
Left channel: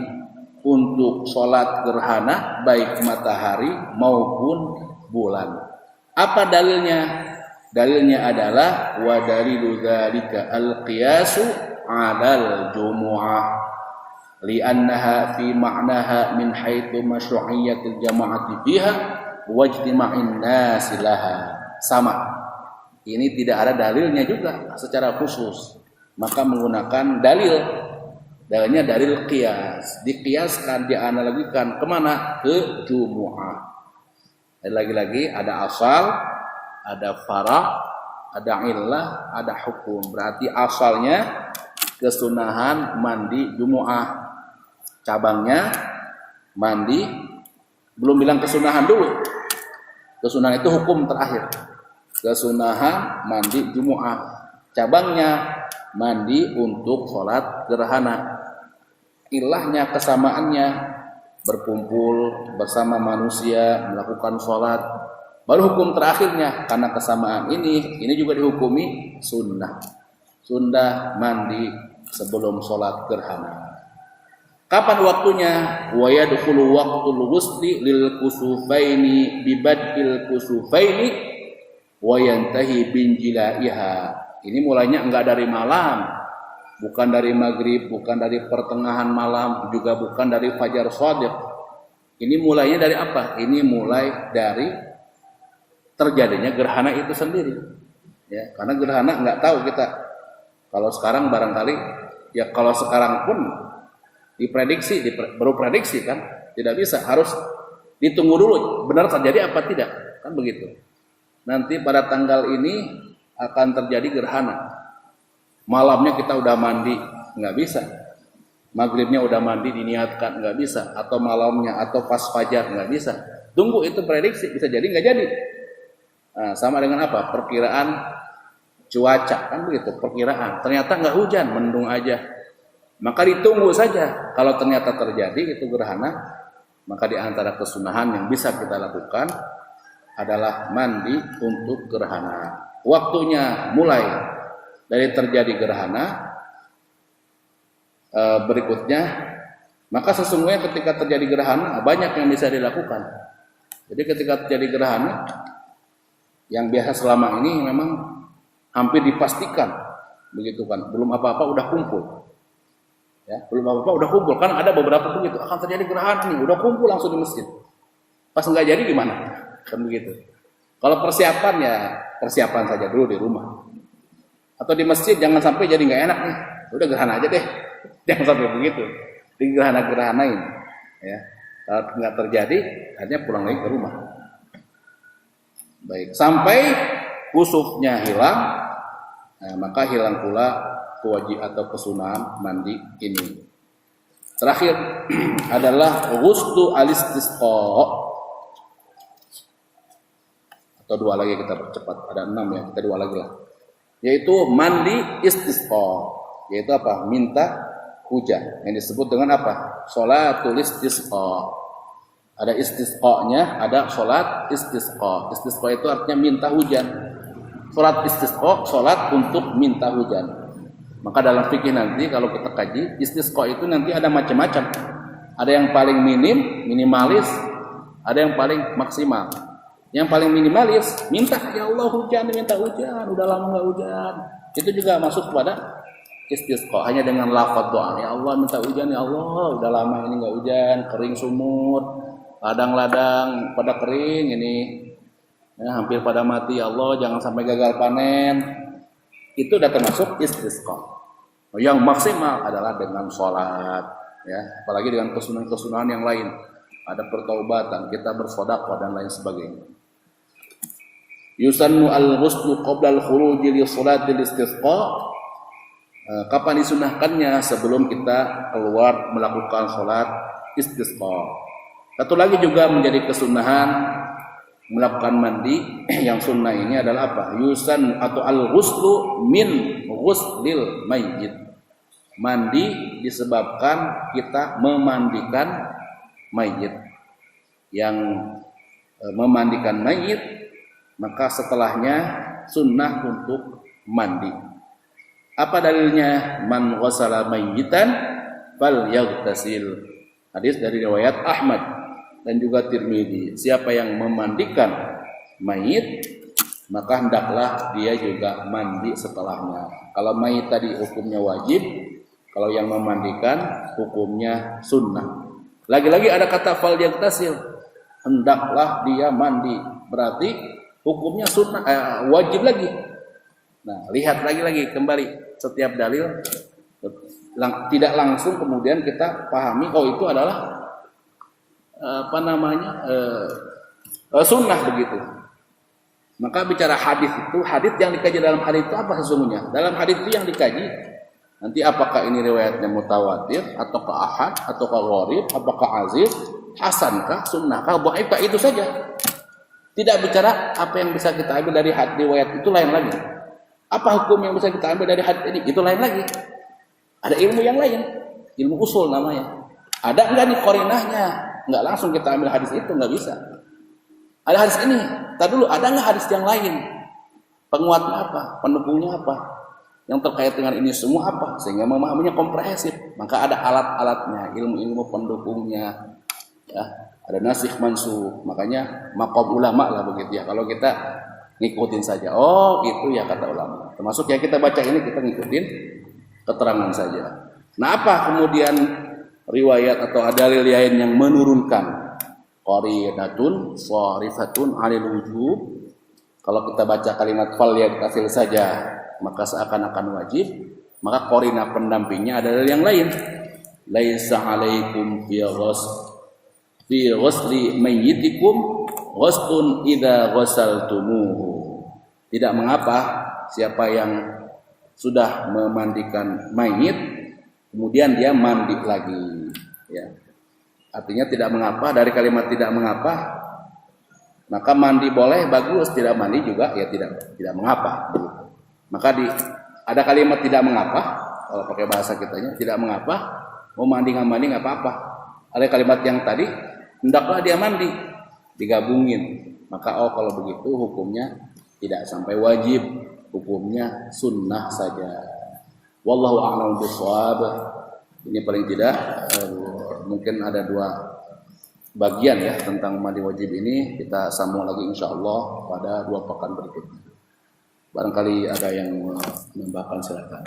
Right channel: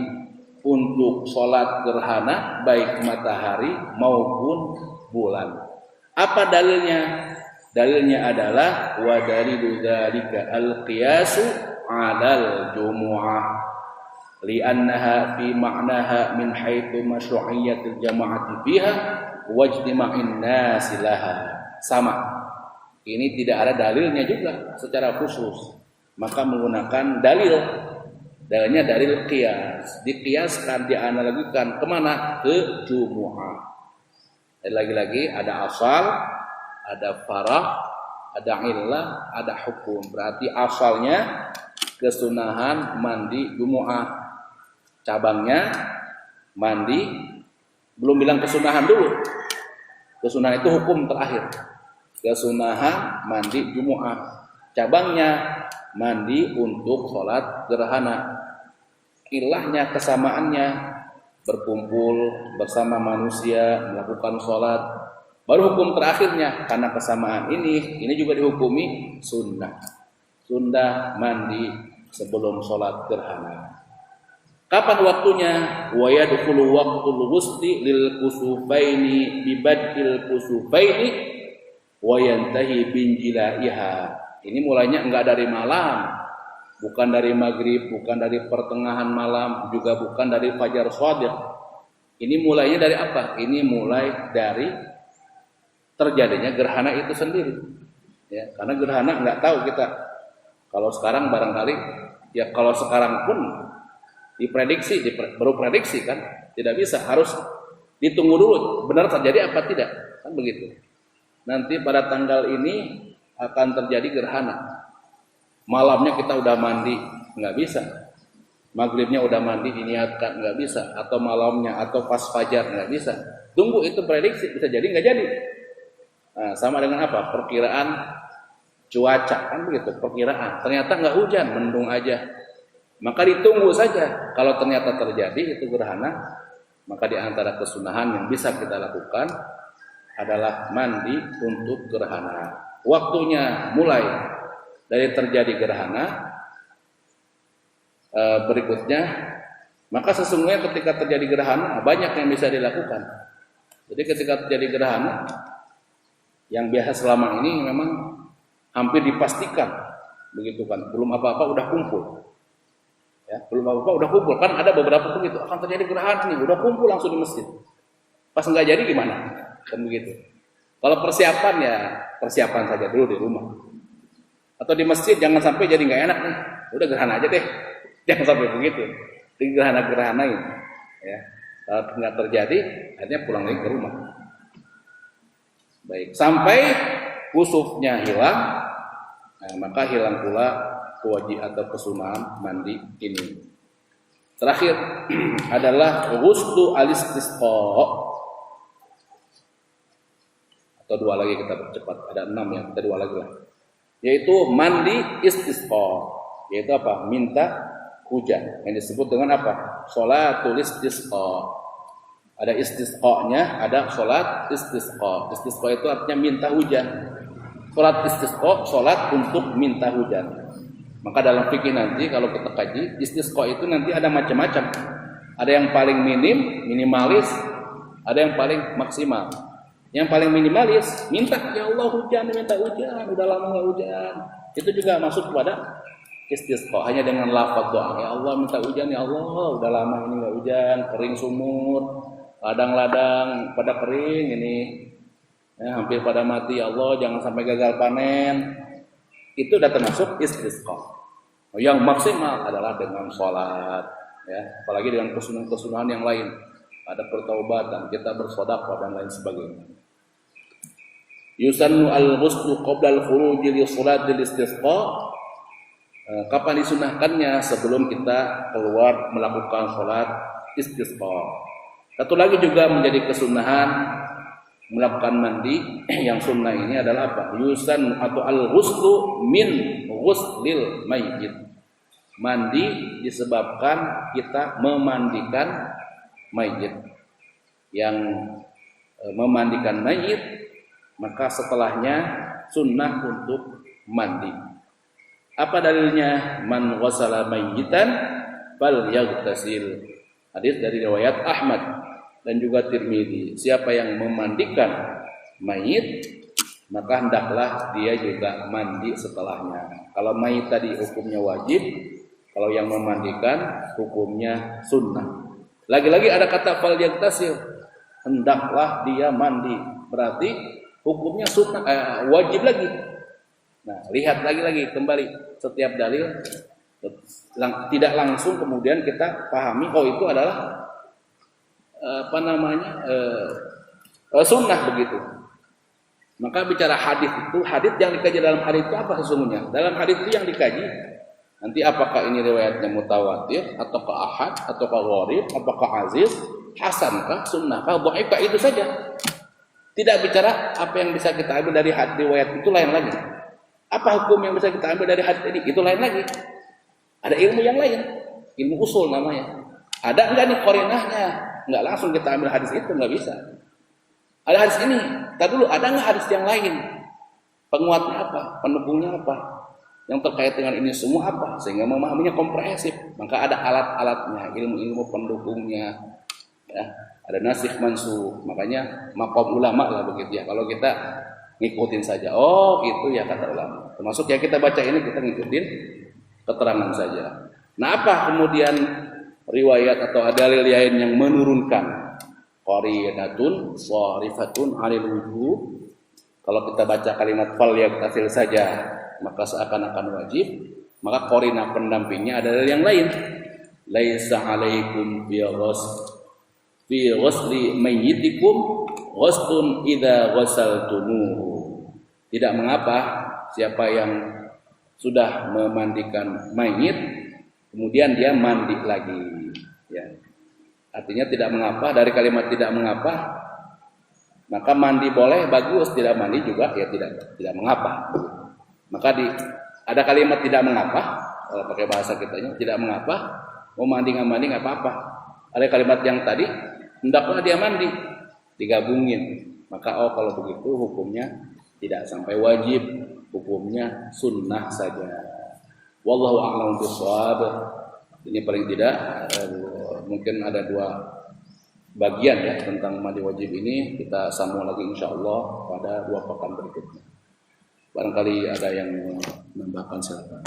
untuk sholat gerhana baik matahari maupun bulan. Apa dalilnya? Dalilnya adalah wa dalilu dzalika al-qiyasu 'alal jumu'ah li'annaha fi ma'naha min haitsu masyru'iyyatil jama'ati fiha wa ijtima'in nasi laha. Sama. Ini tidak ada dalilnya juga secara khusus. Maka menggunakan dalil. Dalilnya dalil qiyas. Diqiyaskan, dianalogikan kemana? Ke jumu'ah. Dan lagi-lagi ada asal, ada farah, ada illah, ada hukum. Berarti asalnya kesunahan mandi jumu'ah. Cabangnya mandi, belum bilang kesunahan dulu. Kesunahan itu hukum terakhir. Kesunahan mandi jumu'ah. Cabangnya mandi untuk sholat gerhana. Ilahnya, kesamaannya berkumpul bersama manusia melakukan sholat. Baru hukum terakhirnya, karena kesamaan ini juga dihukumi sunnah. Sunnah mandi sebelum sholat gerhana. Kapan waktunya? Wa yadkhulu waqtul ghusli lil kusufaini bi badil kusufaini wa yantahi bin jilaiha. Ini mulainya enggak dari malam, bukan dari maghrib, bukan dari pertengahan malam, juga bukan dari fajar shadiq. Ini mulainya dari apa? Ini mulai dari terjadinya gerhana itu sendiri. Ya, karena gerhana enggak tahu kita. Kalau sekarang barangkali, ya kalau sekarang pun diprediksi, baru prediksi kan, tidak bisa, harus ditunggu dulu benar terjadi apa tidak, kan begitu. Nanti pada tanggal ini akan terjadi gerhana, malamnya kita udah mandi, nggak bisa. Maghribnya udah mandi diniatkan, nggak bisa. Atau malamnya atau pas fajar, nggak bisa. Tunggu, itu prediksi, bisa jadi nggak jadi. Nah, sama dengan apa? Perkiraan cuaca, kan begitu, perkiraan. Ternyata nggak hujan, mendung aja. Maka ditunggu saja. Kalau ternyata terjadi itu gerhana, maka di antara kesunahan yang bisa kita lakukan adalah mandi untuk gerhana. Waktunya mulai dari terjadi gerhana berikutnya, maka sesungguhnya ketika terjadi gerhana banyak yang bisa dilakukan. Jadi ketika terjadi gerhana, yang biasa selama ini memang hampir dipastikan, begitu kan, belum apa-apa udah kumpul. Ya, belum apa-apa udah kumpul, kan ada beberapa begitu, akan terjadi gerhana nih, udah kumpul langsung di masjid. Pas nggak jadi gimana? Kan begitu. Kalau persiapan ya persiapan saja dulu di rumah. Atau di masjid jangan sampai jadi nggak enak nih. Udah gerhana aja deh. Jangan sampai begitu. Di gerhana-gerhanain. Ya. Kalau nggak terjadi, akhirnya pulang lagi ke rumah. Baik, sampai kusufnya hilang, nah, maka hilang pula kewajiban atau kesunahan mandi ini. Terakhir adalah ghuslu al-istisqa. Atau 2 lagi kita percepat, ada 6 ya, kita 2 lagi lah. Yaitu mandi istisqa. Yaitu apa? Minta hujan. Yang disebut dengan apa? Sholatul istisqa. Ada istisqa-nya, ada sholat istisqa. Istisqa itu artinya minta hujan. Sholat istisqa, sholat untuk minta hujan. Maka dalam fikih nanti kalau kita kaji, istisqa itu nanti ada macam-macam. Ada yang paling minimalis, ada yang paling maksimal. Yang paling minimalis, minta ya Allah hujan, minta hujan, udah lama nggak hujan. Itu juga masuk kepada istisqa, hanya dengan lafaz doa. Ya Allah minta hujan, ya Allah udah lama ini nggak hujan, kering sumur. Ladang-ladang pada kering ini, ya, hampir pada mati. Ya Allah jangan sampai gagal panen. Itu sudah termasuk istisqa. Yang maksimal adalah dengan sholat, ya, apalagi dengan kesunahan-kesunahan yang lain. Ada pertaubatan, kita bersedekah dan lain sebagainya. Yusannu al-ghuslu qabla al-khuruj li sholatil istisqa. Kapan disunahkannya? Sebelum kita keluar melakukan sholat istisqa. Satu lagi juga menjadi kesunahan melakukan mandi yang sunnah ini adalah apa? Yusan atau al-ghuslu min ghuslil mayyit. Mandi disebabkan kita memandikan mayit. Yang memandikan mayit, maka setelahnya sunnah untuk mandi. Apa dalilnya? Man ghasala mayyitan fal yaghtasil. Hadis dari riwayat Ahmad dan juga Tirmidzi. Siapa yang memandikan mayit, maka hendaklah dia juga mandi setelahnya. Kalau mayit tadi hukumnya wajib, kalau yang memandikan hukumnya sunnah. Lagi-lagi ada kata fal yaghtasil, hendaklah dia mandi. Berarti hukumnya sunnah, wajib lagi. Nah, lihat lagi kembali setiap dalil, tidak langsung kemudian kita pahami oh itu adalah sunnah begitu. Maka bicara hadis itu, hadis yang dikaji dalam hadis itu apa sesungguhnya? Dalam hadis itu yang dikaji nanti apakah ini riwayatnya mutawatir ataukah ahad ataukah gharib, apakah aziz, hasankah, sunnahkah, dhaifkah, itu saja. Tidak bicara apa yang bisa kita ambil dari hadis riwayat itu, lain lagi. Apa hukum yang bisa kita ambil dari hadis ini, itu lain lagi. Ada ilmu yang lain, ilmu usul namanya. Ada enggak nih qarinahnya? Enggak langsung kita ambil hadis itu, enggak bisa. Ada hadis ini, tar dulu ada enggak hadis yang lain? Penguatnya apa? Pendukungnya apa? Yang terkait dengan ini semua apa? Sehingga memahaminya komprehensif. Maka ada alat-alatnya, ilmu-ilmu pendukungnya. Ya, ada nasikh mansukh. Makanya maqam ulama lah begitu ya. Kalau kita ngikutin saja, oh itu ya kata ulama. Termasuk yang kita baca ini kita ngikutin keterangan saja. Nah, apa kemudian riwayat atau dalil lain yang menurunkan qaridatun sharifatun 'alal wujub? Kalau kita baca kalimat fal yaghtasil saja maka seakan-akan wajib, maka qarinah pendampingnya adalah yang lain. Laisa 'alaikum fi ghusli mayyitikum ghuslun idza ghasaltumuhu. Tidak mengapa siapa yang sudah memandikan mayit kemudian dia mandi lagi, ya. Artinya tidak mengapa, dari kalimat tidak mengapa maka mandi boleh bagus, tidak mandi juga ya tidak mengapa. Maka ada kalimat tidak mengapa, kalau pakai bahasa kitanya tidak mengapa, mau mandi nggak mandi nggak apa-apa. Ada kalimat yang tadi hendaklah dia mandi, digabungin. Maka kalau begitu hukumnya tidak sampai wajib, hukumnya sunnah saja. Wallahu a'lam bishawab. Ini paling tidak mungkin ada 2 bagian ya tentang mandi wajib ini, kita sambung lagi insyaallah pada 2 pekan berikutnya. Barangkali ada yang menambahkan, silakan.